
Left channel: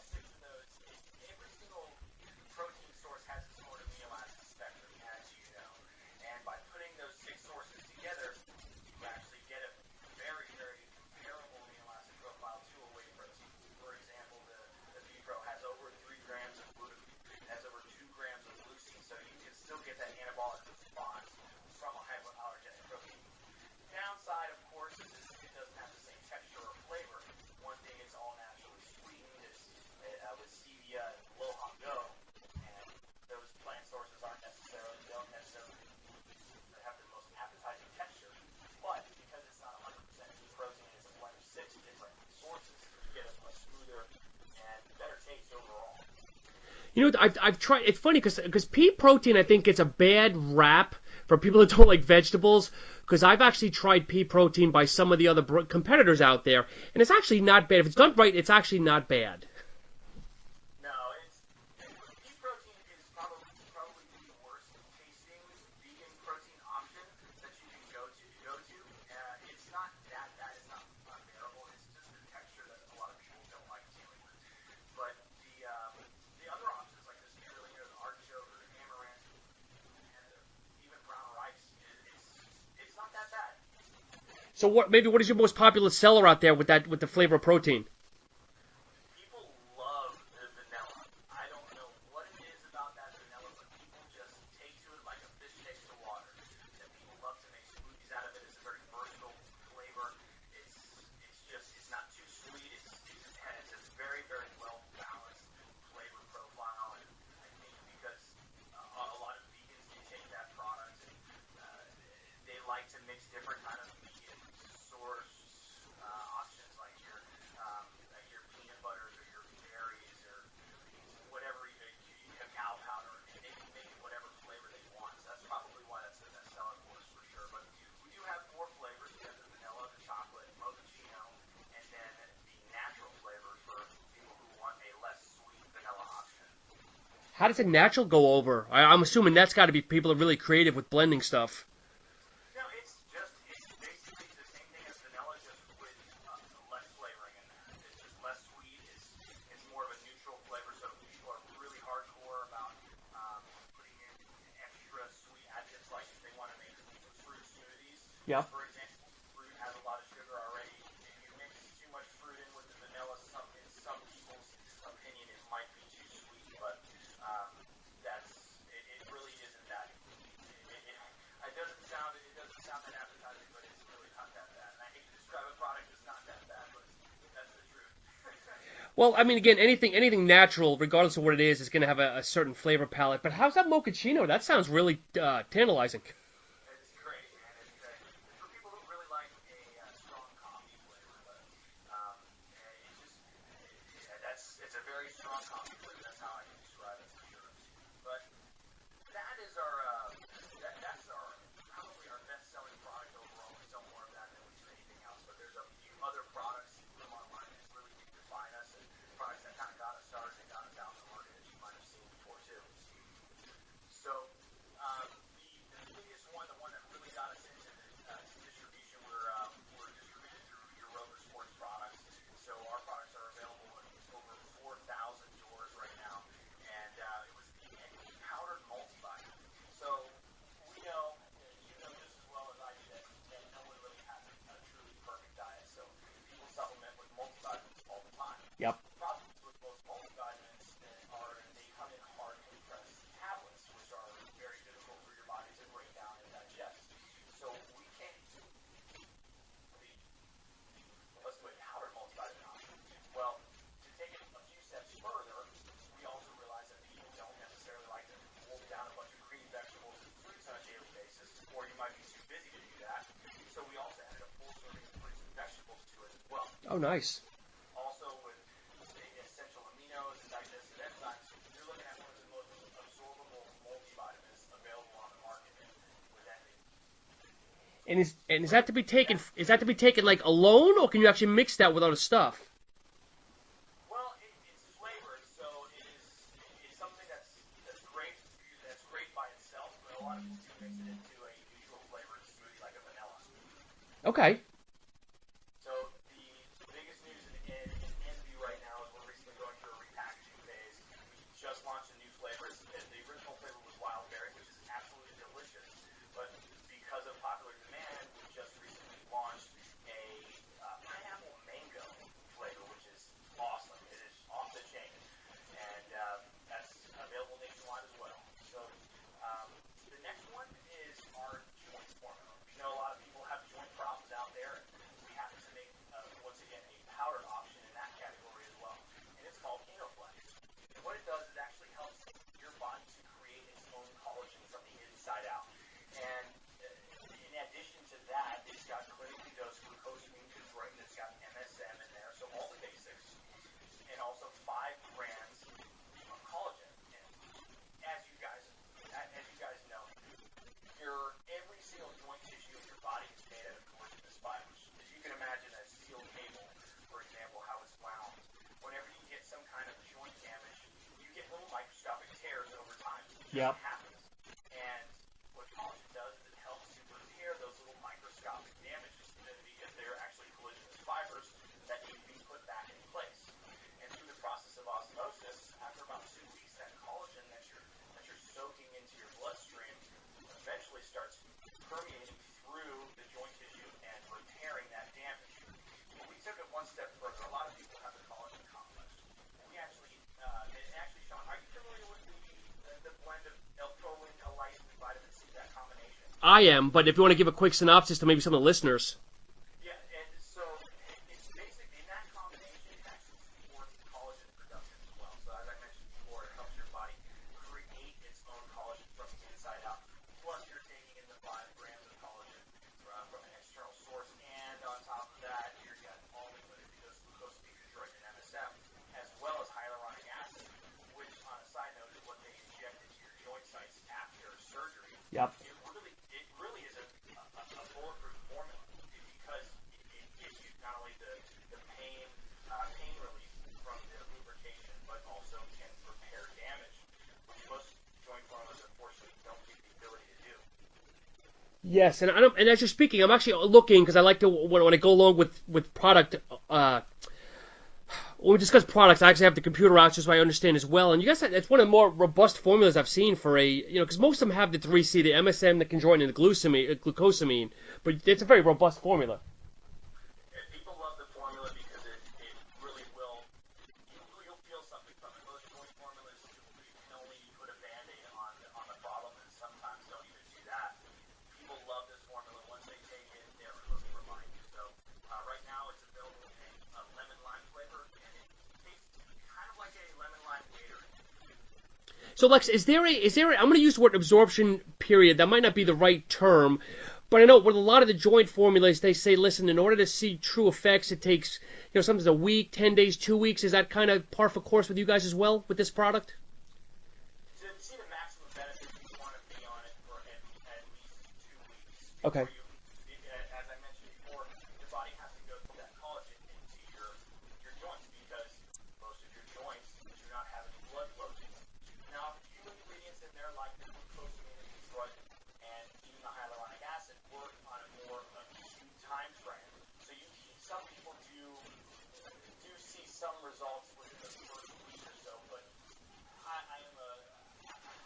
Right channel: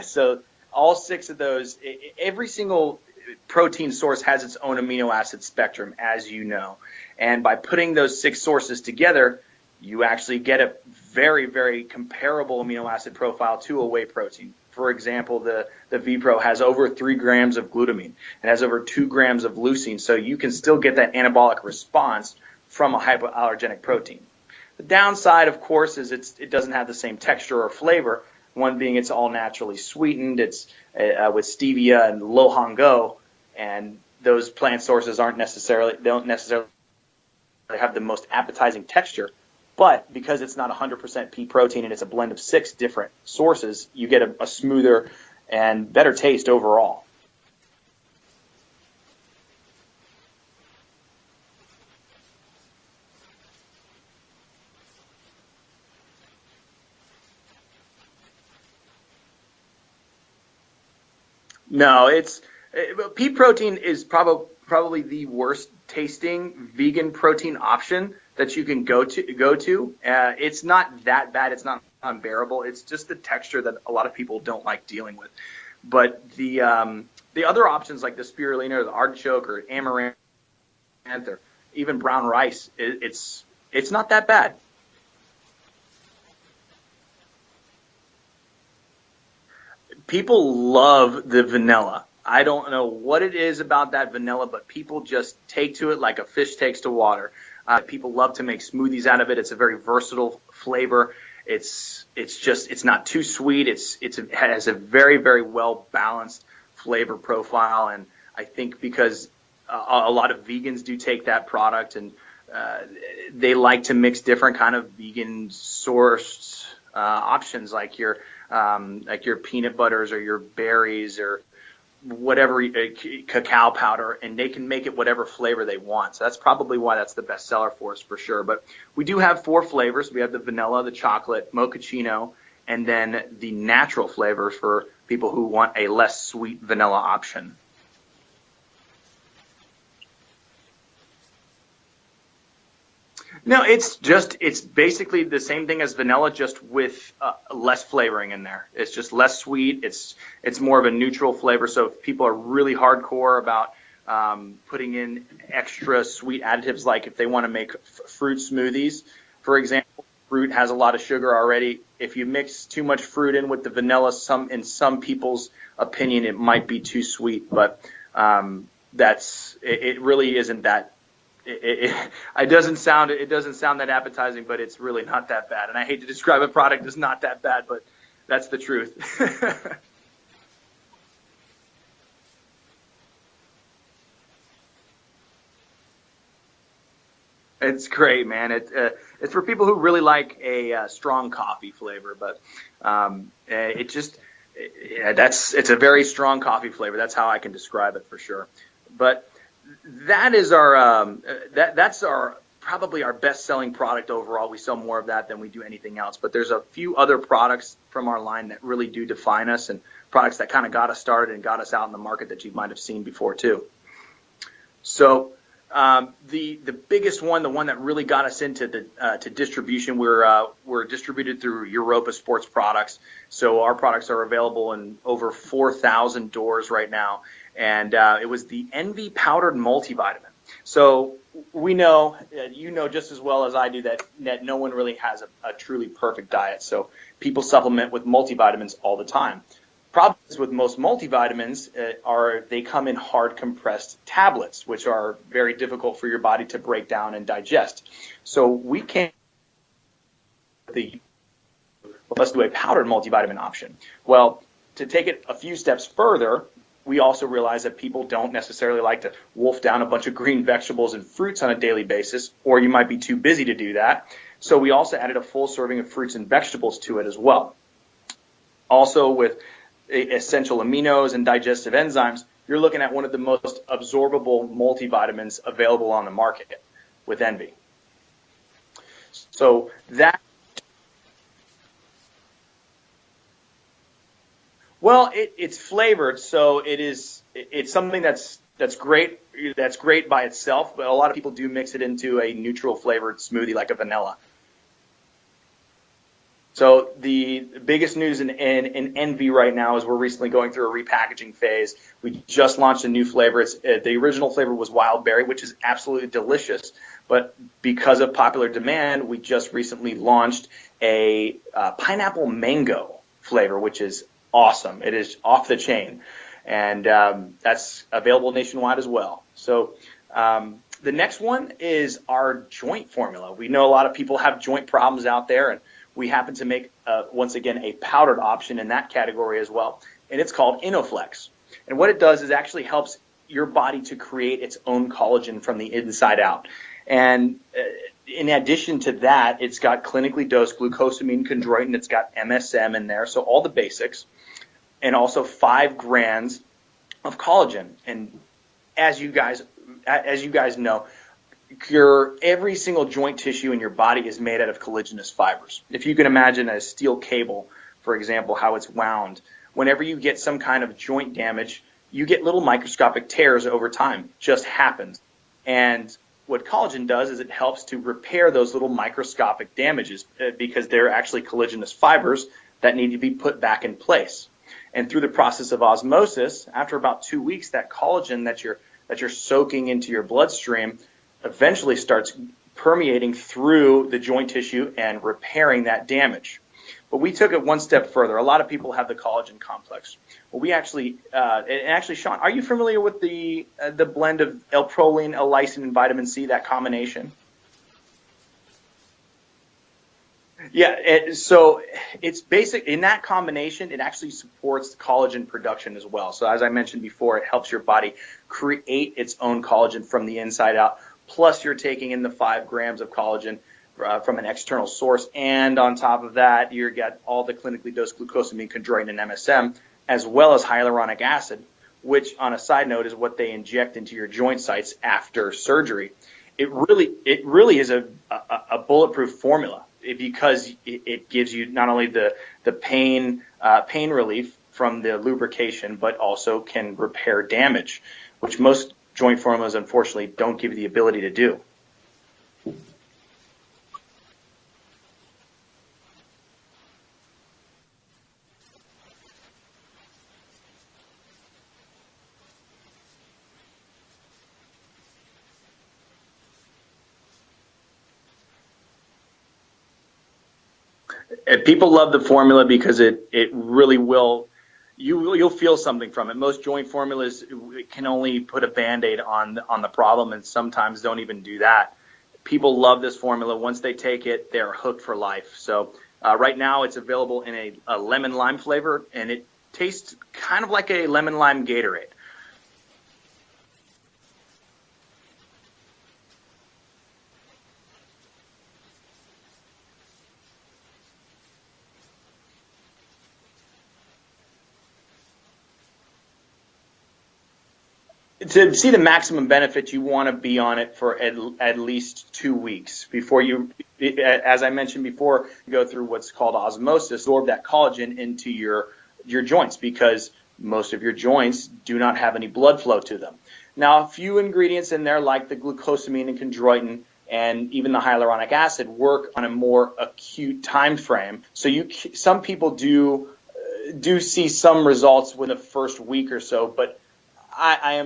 So all 6 of those, every single protein source has its own amino acid spectrum, as you know. And by putting those 6 sources together, you actually get a very, very comparable amino acid profile to a whey protein. For example, the V-Pro has over 3 grams of glutamine. It has over 2 grams of leucine, so you can still get that anabolic response from a hypoallergenic protein. The downside, of course, is it doesn't have the same texture or flavor. One being it's all naturally sweetened. It's with stevia and lo hongo, and those plant sources don't necessarily have the most appetizing texture. But because it's not 100% pea protein and it's a blend of 6 different sources, you get a smoother and better taste overall. You know, I've tried. It's funny because pea protein, I think, gets a bad rap for people that don't like vegetables. Because I've actually tried pea protein by some of the other competitors out there, and it's actually not bad. If it's done right, it's actually not bad. No, pea protein is probably the worst tasting vegan protein option that you can go to. It's not that bad. It's not unbearable. It's just the texture that a lot of people don't like dealing with. But the other options like the spirulina or the artichoke or amaranth or even brown rice, it's not that bad. So what is your most popular seller out there with the flavor of protein? People love the vanilla. I don't know what it is about that vanilla, but people just take to it like a fish takes to water. People love to make smoothies out of it. It's a very versatile flavor. It's not too sweet. It has a very, very well balanced flavor profile, and I think because a lot of vegans do take that product, and they like to mix different kind of vegan sourced options, like your peanut butters or your berries or whatever, cacao powder, and they can make it whatever flavor they want. So that's probably why that's the best seller for us for sure. But we do have 4 flavors. We have the vanilla, the chocolate, mochaccino, and then the natural flavors for people who want a less sweet vanilla option. How does the natural go over? I'm assuming that's got to be people are really creative with blending stuff. No, it's basically the same thing as vanilla, just with less flavoring in there. It's just less sweet. It's more of a neutral flavor. So if people are really hardcore about putting in extra sweet additives, like if they want to make fruit smoothies, for example, fruit has a lot of sugar already. If you mix too much fruit in with the vanilla, in some people's opinion, it might be too sweet. But it really isn't that. It doesn't sound that appetizing, but it's really not that bad. And I hate to describe a product as not that bad, but that's the truth. Well, I mean, again, anything natural, regardless of what it is going to have a certain flavor palette. But how's that mochaccino? That sounds really tantalizing. It's great, man. It's for people who really like a strong coffee flavor, but it's a very strong coffee flavor. That's how I can describe it for sure. But that is that's probably our best-selling product overall. We sell more of that than we do anything else. But there's a few other products from our line that really do define us, and products that kind of got us started and got us out in the market that you might have seen before too. So the biggest one, the one that really got us into to distribution, we're distributed through Europa Sports Products. So our products are available in over 4,000 doors right now. And it was the Envy powdered multivitamin. So we know, you know just as well as I do, that no one really has a truly perfect diet. So people supplement with multivitamins all the time. Problems with most multivitamins they come in hard compressed tablets, which are very difficult for your body to break down and digest. So we can't let's do a powdered multivitamin option. Well, to take it a few steps further, we also realize that people don't necessarily like to wolf down a bunch of green vegetables and fruits on a daily basis, or you might be too busy to do that. So we also added a full serving of fruits and vegetables to it as well. Also, with essential aminos and digestive enzymes, you're looking at one of the most absorbable multivitamins available on the market with Envy. And is that to be taken? Like alone, or can you actually mix that with other stuff? Well, it's flavored, so it's something that's great. That's great by itself, but a lot of people do mix it into a neutral flavored smoothie like a vanilla. Okay. So the biggest news in Envy right now is we're recently going through a repackaging phase. We just launched a new flavor. The original flavor was wild berry, which is absolutely delicious. But because of popular demand, we just recently launched a pineapple mango flavor, which is awesome. It is off the chain, and that's available nationwide as well. So the next one is our joint formula. We know a lot of people have joint problems out there, and we happen to make, once again, a powdered option in that category as well, and it's called InnoFlex. And what it does is actually helps your body to create its own collagen from the inside out. And in addition to that, it's got clinically dosed glucosamine chondroitin. It's got MSM in there, so all the basics, and also 5 grams of collagen. And as you guys know, every single joint tissue in your body is made out of collagenous fibers. If you can imagine a steel cable, for example, how it's wound, whenever you get some kind of joint damage, you get little microscopic tears over time. Just happens. And what collagen does is it helps to repair those little microscopic damages because they're actually collagenous fibers that need to be put back in place. And through the process of osmosis, after about 2 weeks, that collagen that you're soaking into your bloodstream eventually starts permeating through the joint tissue and repairing that damage. But we took it one step further. A lot of people have the collagen complex. Well, we actually, Sean, are you familiar with the blend of L-proline, L-lysine, and vitamin C? I am, but if you want to give a quick synopsis to maybe some of the listeners. Yeah, so it's basic in that combination. It actually supports collagen production as well. So as I mentioned before, it helps your body create its own collagen from the inside out. Plus, you're taking in the 5 grams of collagen from an external source, and on top of that, you got all the clinically dosed glucosamine, chondroitin, and MSM, as well as hyaluronic acid, which, on a side note, is what they inject into your joint sites after surgery. It really is a bulletproof formula, because it gives you not only the pain relief from the lubrication, but also can repair damage, which most joint formulas unfortunately don't give you the ability to do. Yes, and as you're speaking, I'm actually looking, because I like to, when I go along with product, when we discuss products, I actually have the computer out just so I understand as well. And you guys, it's one of the more robust formulas I've seen for because most of them have the 3C, the MSM, the chondroitin, and the glucosamine, but it's a very robust formula. People love the formula because it really will. You'll feel something from it. Most joint formulas can only put a Band-Aid on the problem, and sometimes don't even do that. People love this formula. Once they take it, they're hooked for life. So right now it's available in a lemon lime flavor, and it tastes kind of like a lemon lime Gatorade. So Lex, is there I'm going to use the word absorption period. That might not be the right term, but I know with a lot of the joint formulas, they say, listen, in order to see true effects, it takes sometimes a week, 10 days, 2 weeks. Is that kind of par for course with you guys as well with this product? To see the maximum benefit, you want to be on it for at least 2 weeks before you, as I mentioned before, go through what's called osmosis, absorb that collagen into your joints, because most of your joints do not have any blood flow to them. Now, a few ingredients in there, like the glucosamine and chondroitin, and even the hyaluronic acid, work on a more acute time frame. So some people do see some results within the first week or so, but I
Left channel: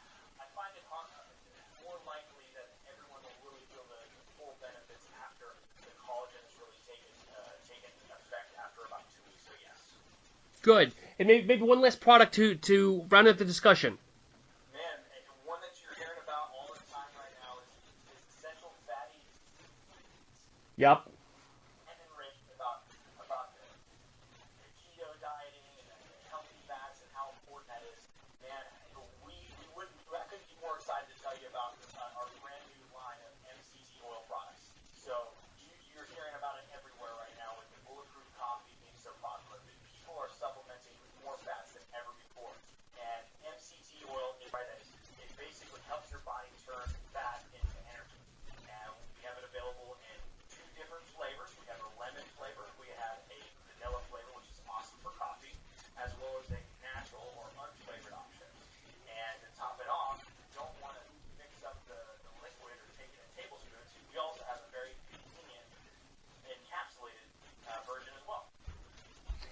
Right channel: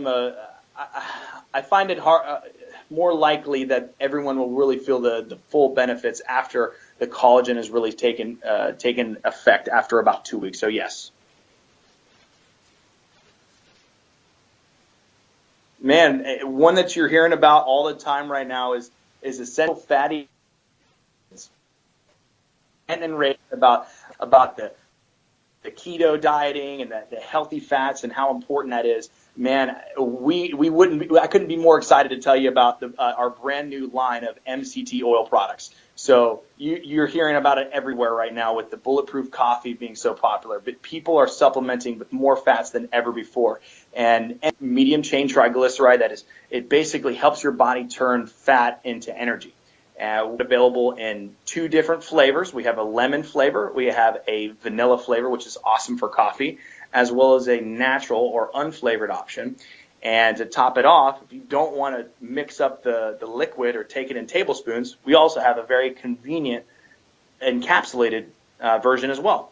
find it hard, more likely that everyone will really feel the full benefits after the collagen has really taken effect after about 2 weeks. So good. Yes. And maybe one last product to round up the discussion. Man, one that you're hearing about all the time right now is essential fatty. Yep. And then about the keto dieting and the healthy fats and how important that is. Man, I couldn't be more excited to tell you about our brand new line of MCT oil products. So you're hearing about it everywhere right now with the bulletproof coffee being so popular, but people are supplementing with more fats than ever before. And medium chain triglyceride, it basically helps your body turn fat into energy. We're available in 2 different flavors. We have a lemon flavor. We have a vanilla flavor, which is awesome for coffee, as well as a natural or unflavored option. And to top it off, if you don't want to mix up the liquid or take it in tablespoons, we also have a very convenient encapsulated version as well.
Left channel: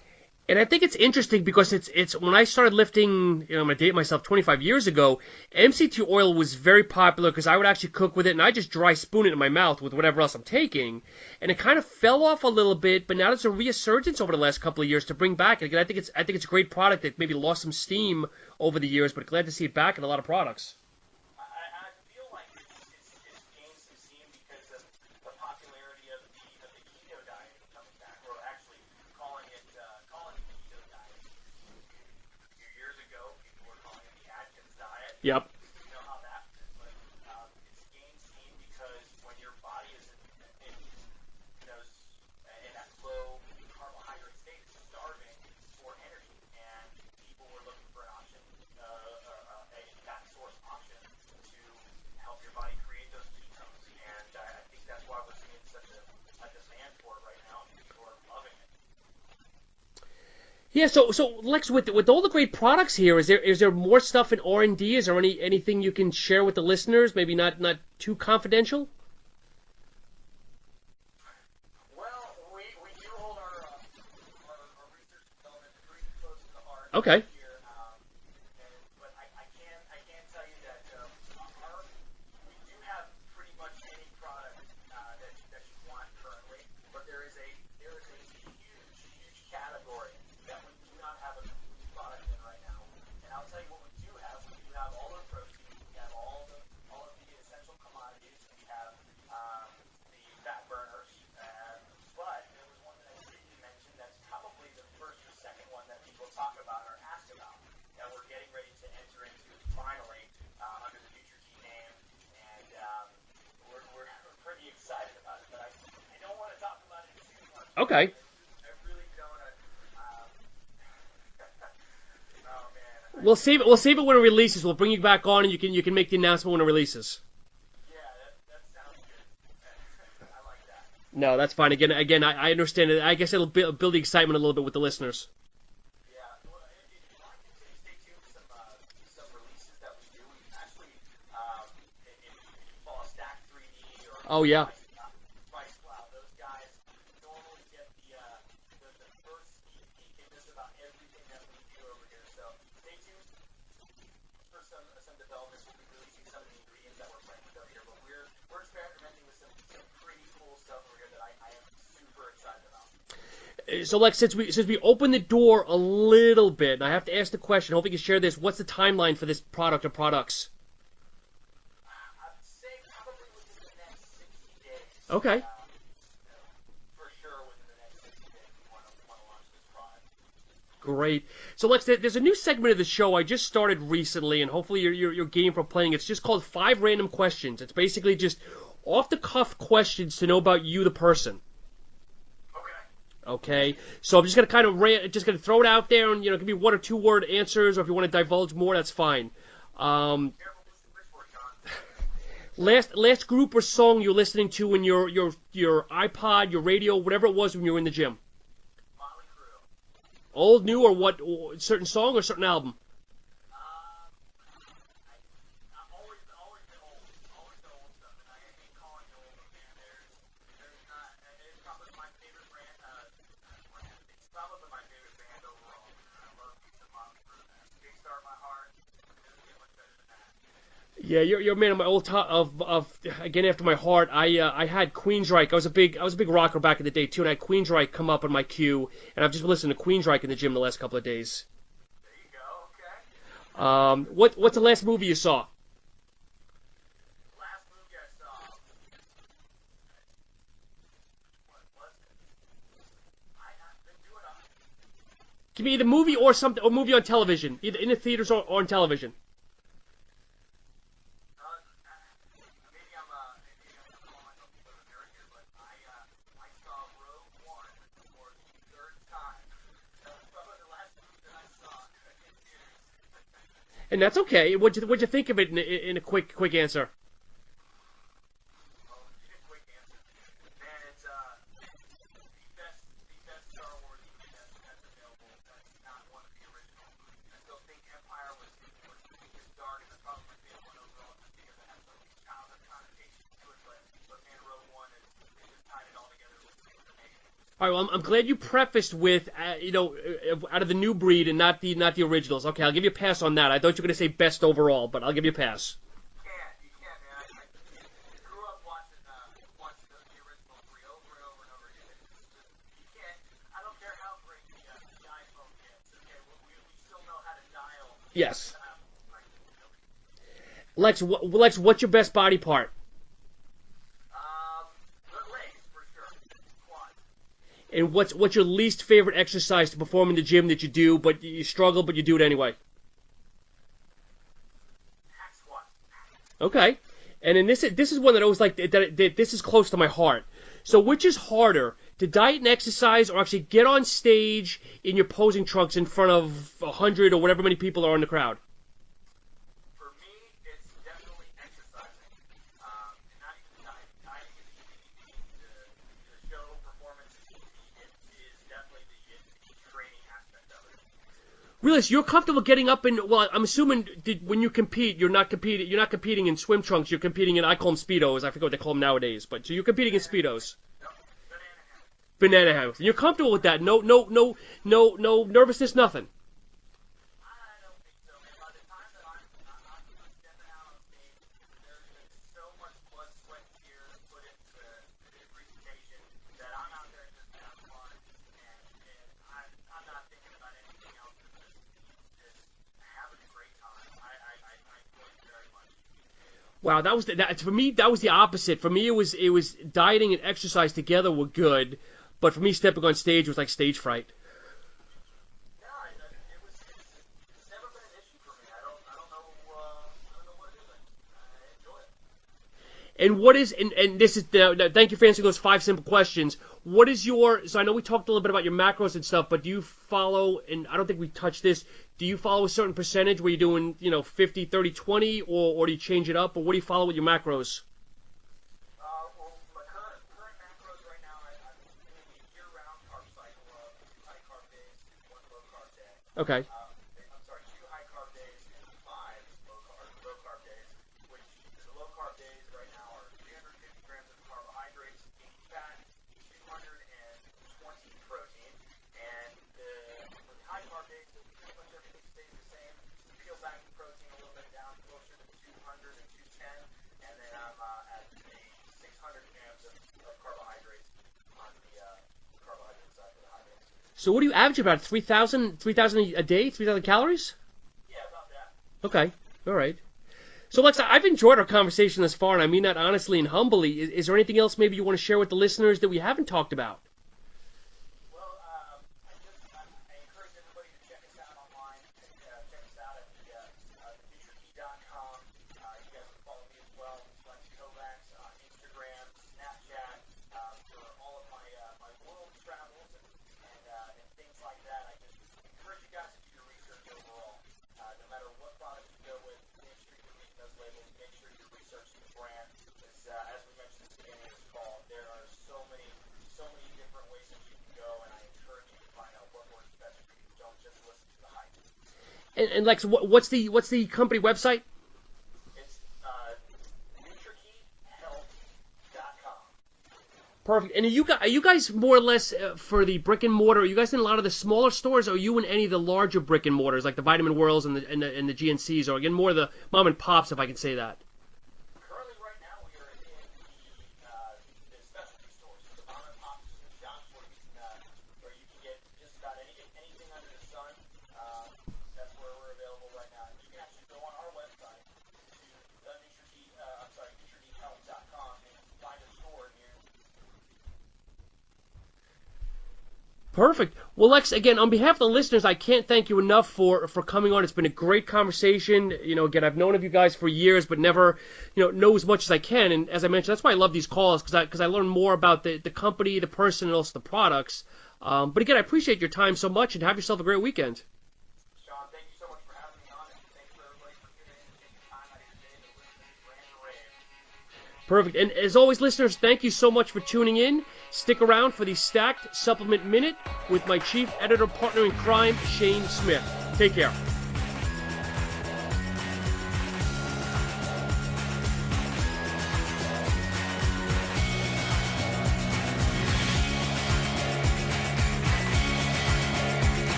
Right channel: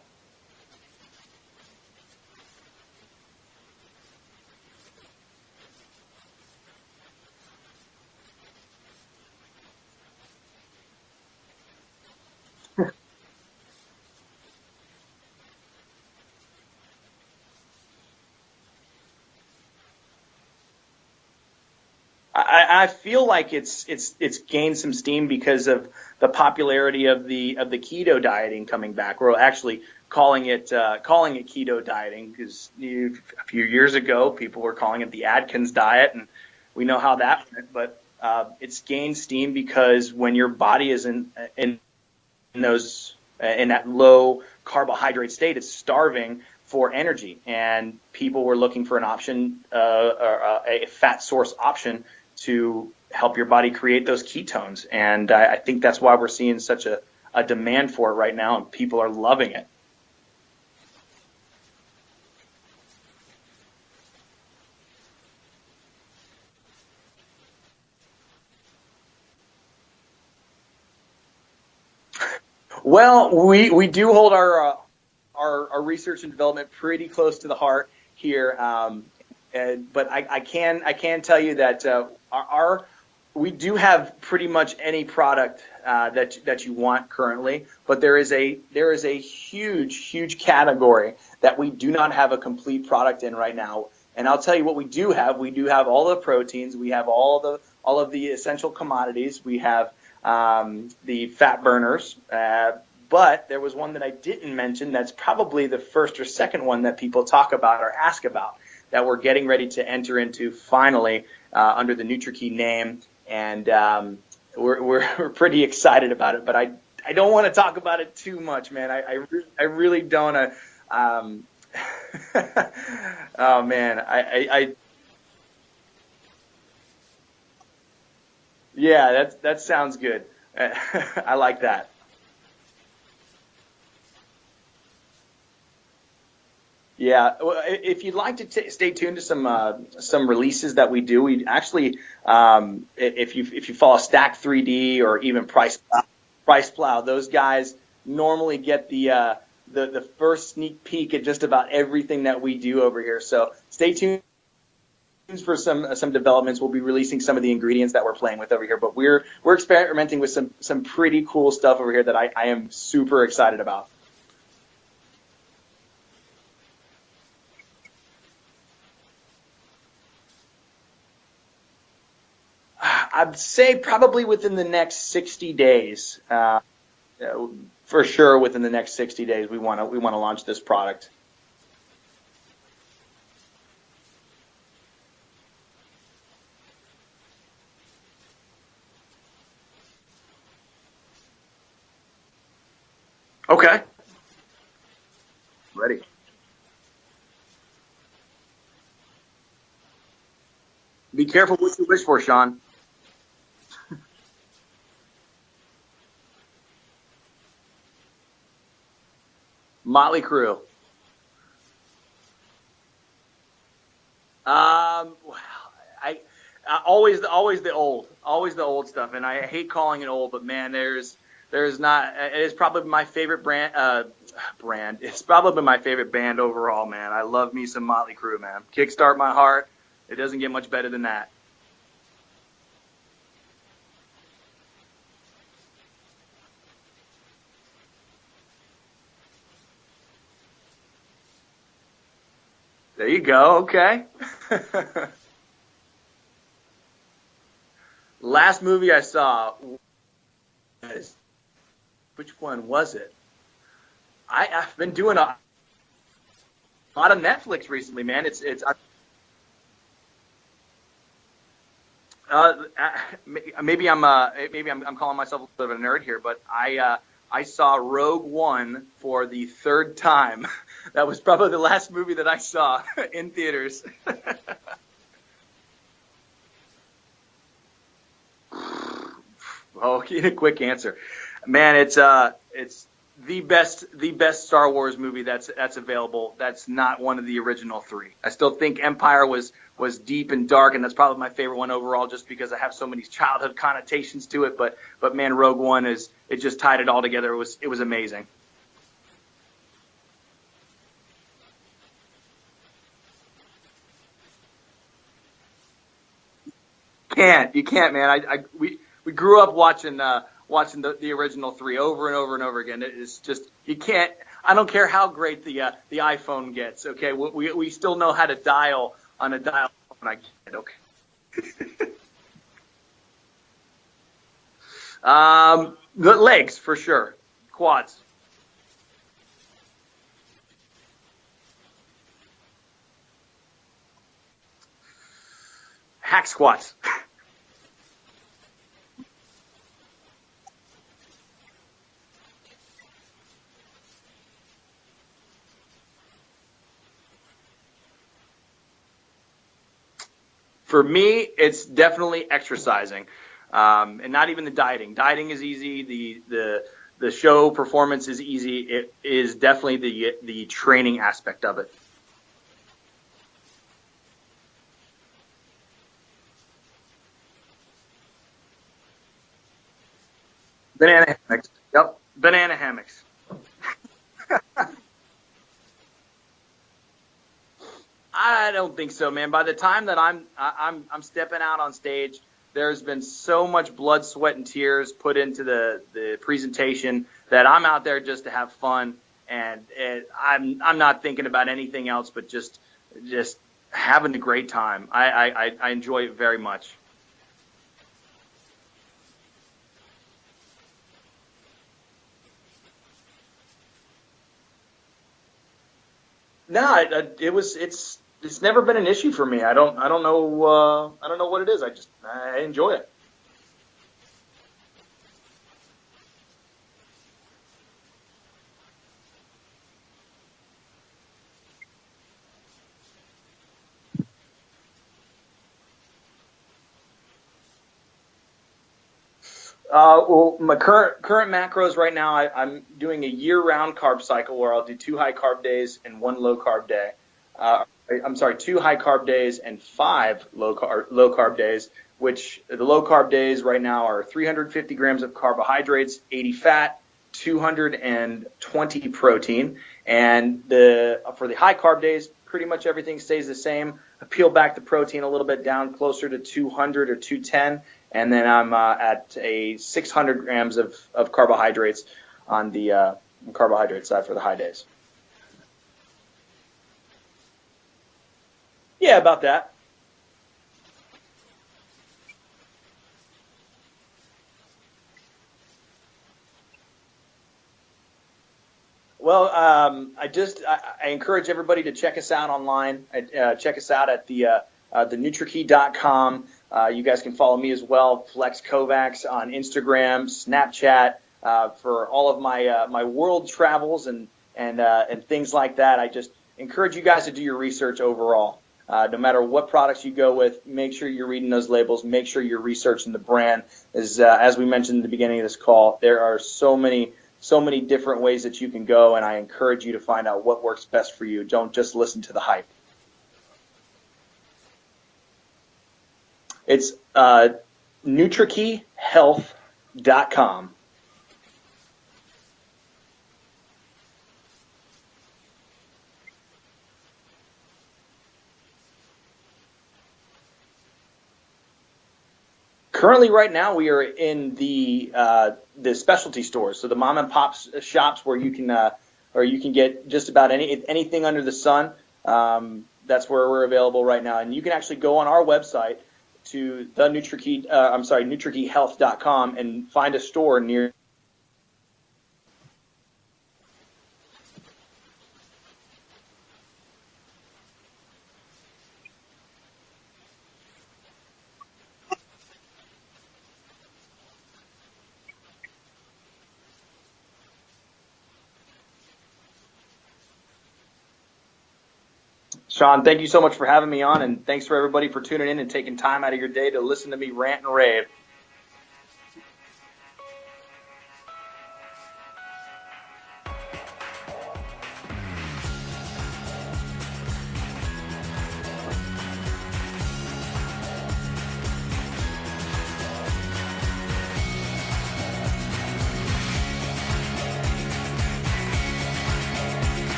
And I think it's interesting because it's when I started lifting, I'm going to date myself, 25 years ago, MCT oil was very popular because I would actually cook with it, and I just dry spoon it in my mouth with whatever else I'm taking. And it kind of fell off a little bit, but now there's a resurgence over the last couple of years to bring back. And again, I think it's a great product that maybe lost some steam over the years, but glad to see it back in a lot of products. I feel like it's gained some steam because of the popularity of the keto dieting coming back. We're actually calling it keto dieting because a few years ago people were calling it the Atkins diet, and we know how that went. But it's gained steam because when your body is in that low carbohydrate state, it's starving for energy, and people were looking for an option, a fat source option to help your body create those ketones. And I think that's why we're seeing such a demand for it right now, and people are loving it. Yeah, so Lex, with all the great products here, is there more stuff in R&D? Is there anything you can share with the listeners? Maybe not too confidential. Well, we do hold our research and development pretty close to the heart here, but I can tell you that we do have pretty much any product that you want currently, but there is a huge category that we do not have a complete product in right now. And I'll tell you what we do have. We do have all the proteins. We have all of the essential commodities. We have the fat burners, But there was one that I didn't mention that's probably the first or second one that people talk about or ask about that we're getting ready to enter into finally under the Nutrakey name. And we're pretty excited about it. But I don't want to talk about it too much, man. I really don't. We'll save it when it releases. We'll bring you back on, and you can make the announcement when it releases. Yeah, that sounds good. No, I like that's fine. That. Again, I understand it. I guess it'll build the excitement a little bit with the listeners. Yeah, well, if you'd like to stay tuned to some releases that we do, we actually, if you follow Stack 3D or even Price Plow, those guys normally get the first sneak peek at just about everything that we do over here. So stay tuned for some developments. We'll be releasing some of the ingredients that we're playing with over here, but we're experimenting with some pretty cool stuff over here that I am super excited about. So, Lex, since we opened the door a little bit, and I have to ask the question, hope you can share this, what's the timeline for this product or products? I'd say probably within the next 60 days. For sure, within the next 60 days, we want to launch this product. Great. So, Lex, there's a new segment of the show I just started recently, and hopefully you're game for playing. It's just called 5 Random Questions. It's basically just off-the-cuff questions to know about you, the person. Okay. So I'm just gonna throw it out there, and it can be 1 or 2 word answers, or if you want to divulge more, that's fine. Be careful what you wish for, Sean. Last group or song you're listening to in your iPod, your radio, whatever it was when you were in the gym. Motley Crue. Old, new, or what? Certain song or certain album? Always the old stuff, and I hate calling it old, but man, there's not. It is probably my favorite brand. It's probably my favorite band overall, man. I love me some Motley Crue, man. Kickstart My Heart. It doesn't get much better than that. Yeah, you're a man of my old top of again after my heart. I had Queensryche. I was a big rocker back in the day too, and I had Queensryche come up on my queue, and I've just been listening to Queensryche in the gym the last couple of days. There you go. Okay. What's the last movie you saw? Last movie I saw. Which one was it? I've been doing a. Give me the movie or something, or movie on television, either in the theaters or on television. Maybe I'm calling myself a little bit of a nerd here, but I saw Rogue One for the 3rd time. That was probably the last movie that I saw in theaters. And that's okay. What'd you think of it in a quick answer? Oh, in a quick answer, man, it's the best Star Wars movie that's available. That's not one of the original 3. I still think Empire was deep and dark, and that's probably my favorite one overall, just because I have so many childhood connotations to it. But man, Rogue One it just tied it all together. It was amazing. I'm glad you prefaced with out of the new breed and not the originals. Okay, I'll give you a pass on that. I thought you were going to say best overall, but I'll give you a pass. You can't, man. We grew up watching the original 3 over and over and over again. It's just, you can't. I don't care how great the iPhone gets. Okay, we still know how to dial on a dial phone. Okay. Lex, what's your best body part? The legs for sure. Quads. And what's your least favorite exercise to perform in the gym that you do, but you struggle, but you do it anyway? Hack squats. Okay. And then this is one that I always like. That this is close to my heart. So which is harder, to diet and exercise, or actually get on stage in your posing trunks in front of 100 or whatever many people are in the crowd? For me, it's definitely exercising, and not even the dieting. Dieting is easy. The show performance is easy. It is definitely the training aspect of it. Really, so you're comfortable getting up in? Well, I'm assuming when you compete, you're not competing in swim trunks. You're competing in, I call them Speedos. I forget what they call them nowadays. But so you're competing in Speedos. Banana hammocks. Yep. Banana hammocks. You're comfortable with that? No nervousness, nothing. I don't think so, man. By the time that I'm stepping out on stage, there's been so much blood, sweat, and tears put into the presentation that I'm out there just to have fun, and I'm not thinking about anything else but just having a great time. I enjoy it very much. Wow, for me that was the opposite. For me it was dieting and exercise together were good, But for me, stepping on stage was like stage fright. No, it's never been an issue for me. I don't know what it is. I enjoy it. And what is and this is thank you for answering those 5 simple questions. What is so I know we talked a little bit about your macros and stuff, but do you follow, and I don't think we touched this, do you follow a certain percentage where you're doing 50, 30, 20, or do you change it up, or what do you follow with your macros? Well, my current macros right now, I'm doing a year-round carb cycle where I'll do 2 high-carb days and 1 low-carb day. 2 high-carb days and 5 low-carb days, which the low-carb days right now are 350 grams of carbohydrates, 80 fat, 220 protein. And for the high-carb days, pretty much everything stays the same. I peel back the protein a little bit down closer to 200 or 210. And then I'm at a 600 grams of carbohydrates on the carbohydrate side. So what do you average about 3,000 a day, 3,000 calories? Yeah, Okay. about that. All right. So Lex, I've enjoyed our conversation thus far, and I mean that honestly and humbly. Is there anything else maybe you want to share with the listeners that we haven't talked about? Well, I encourage everybody to check us out online. Check us out at the Nutrakey.com. You guys can follow me as well, Lex Kovacs, on Instagram, Snapchat, for all of my world travels and things like that. I just encourage you guys to do your research overall. No matter what products you go with, make sure you're reading those labels. Make sure you're researching the brand. As we mentioned at the beginning of this call, there are so many different ways that you can go, and I encourage you to find out what works best for you. Don't just listen to the hype. And Lex, what's the company website? It's NutrakeyHealth.com. Perfect. And are you guys more or less for the brick and mortar? Are you guys in a lot of the smaller stores, or are you in any of the larger brick and mortars like the Vitamin Worlds and the GNCs, or again more of the mom and pops, if I can say that? Currently, right now, we are in the specialty stores, so the mom and pop shops where you can get just about anything under the sun. That's where we're available right now, and you can actually go on our website to Nutrakeyhealth.com and find a store near. Perfect. Well, Lex, again, on behalf of the listeners, I can't thank you enough for coming on. It's been a great conversation. Again, I've known of you guys for years, but never, know as much as I can. And as I mentioned, that's why I love these calls, because I learn more about the company, the person, and also the products. But again, I appreciate your time so much, and have yourself a great weekend. Sean, thank you so much for having me on, and thanks for everybody for tuning in and taking time out of your day to listen to me rant and rave. Perfect. And as always, listeners, thank you so much for tuning in. Stick around for the Stacked Supplement Minute with my chief editor partner in crime, Shane Smith. Take care.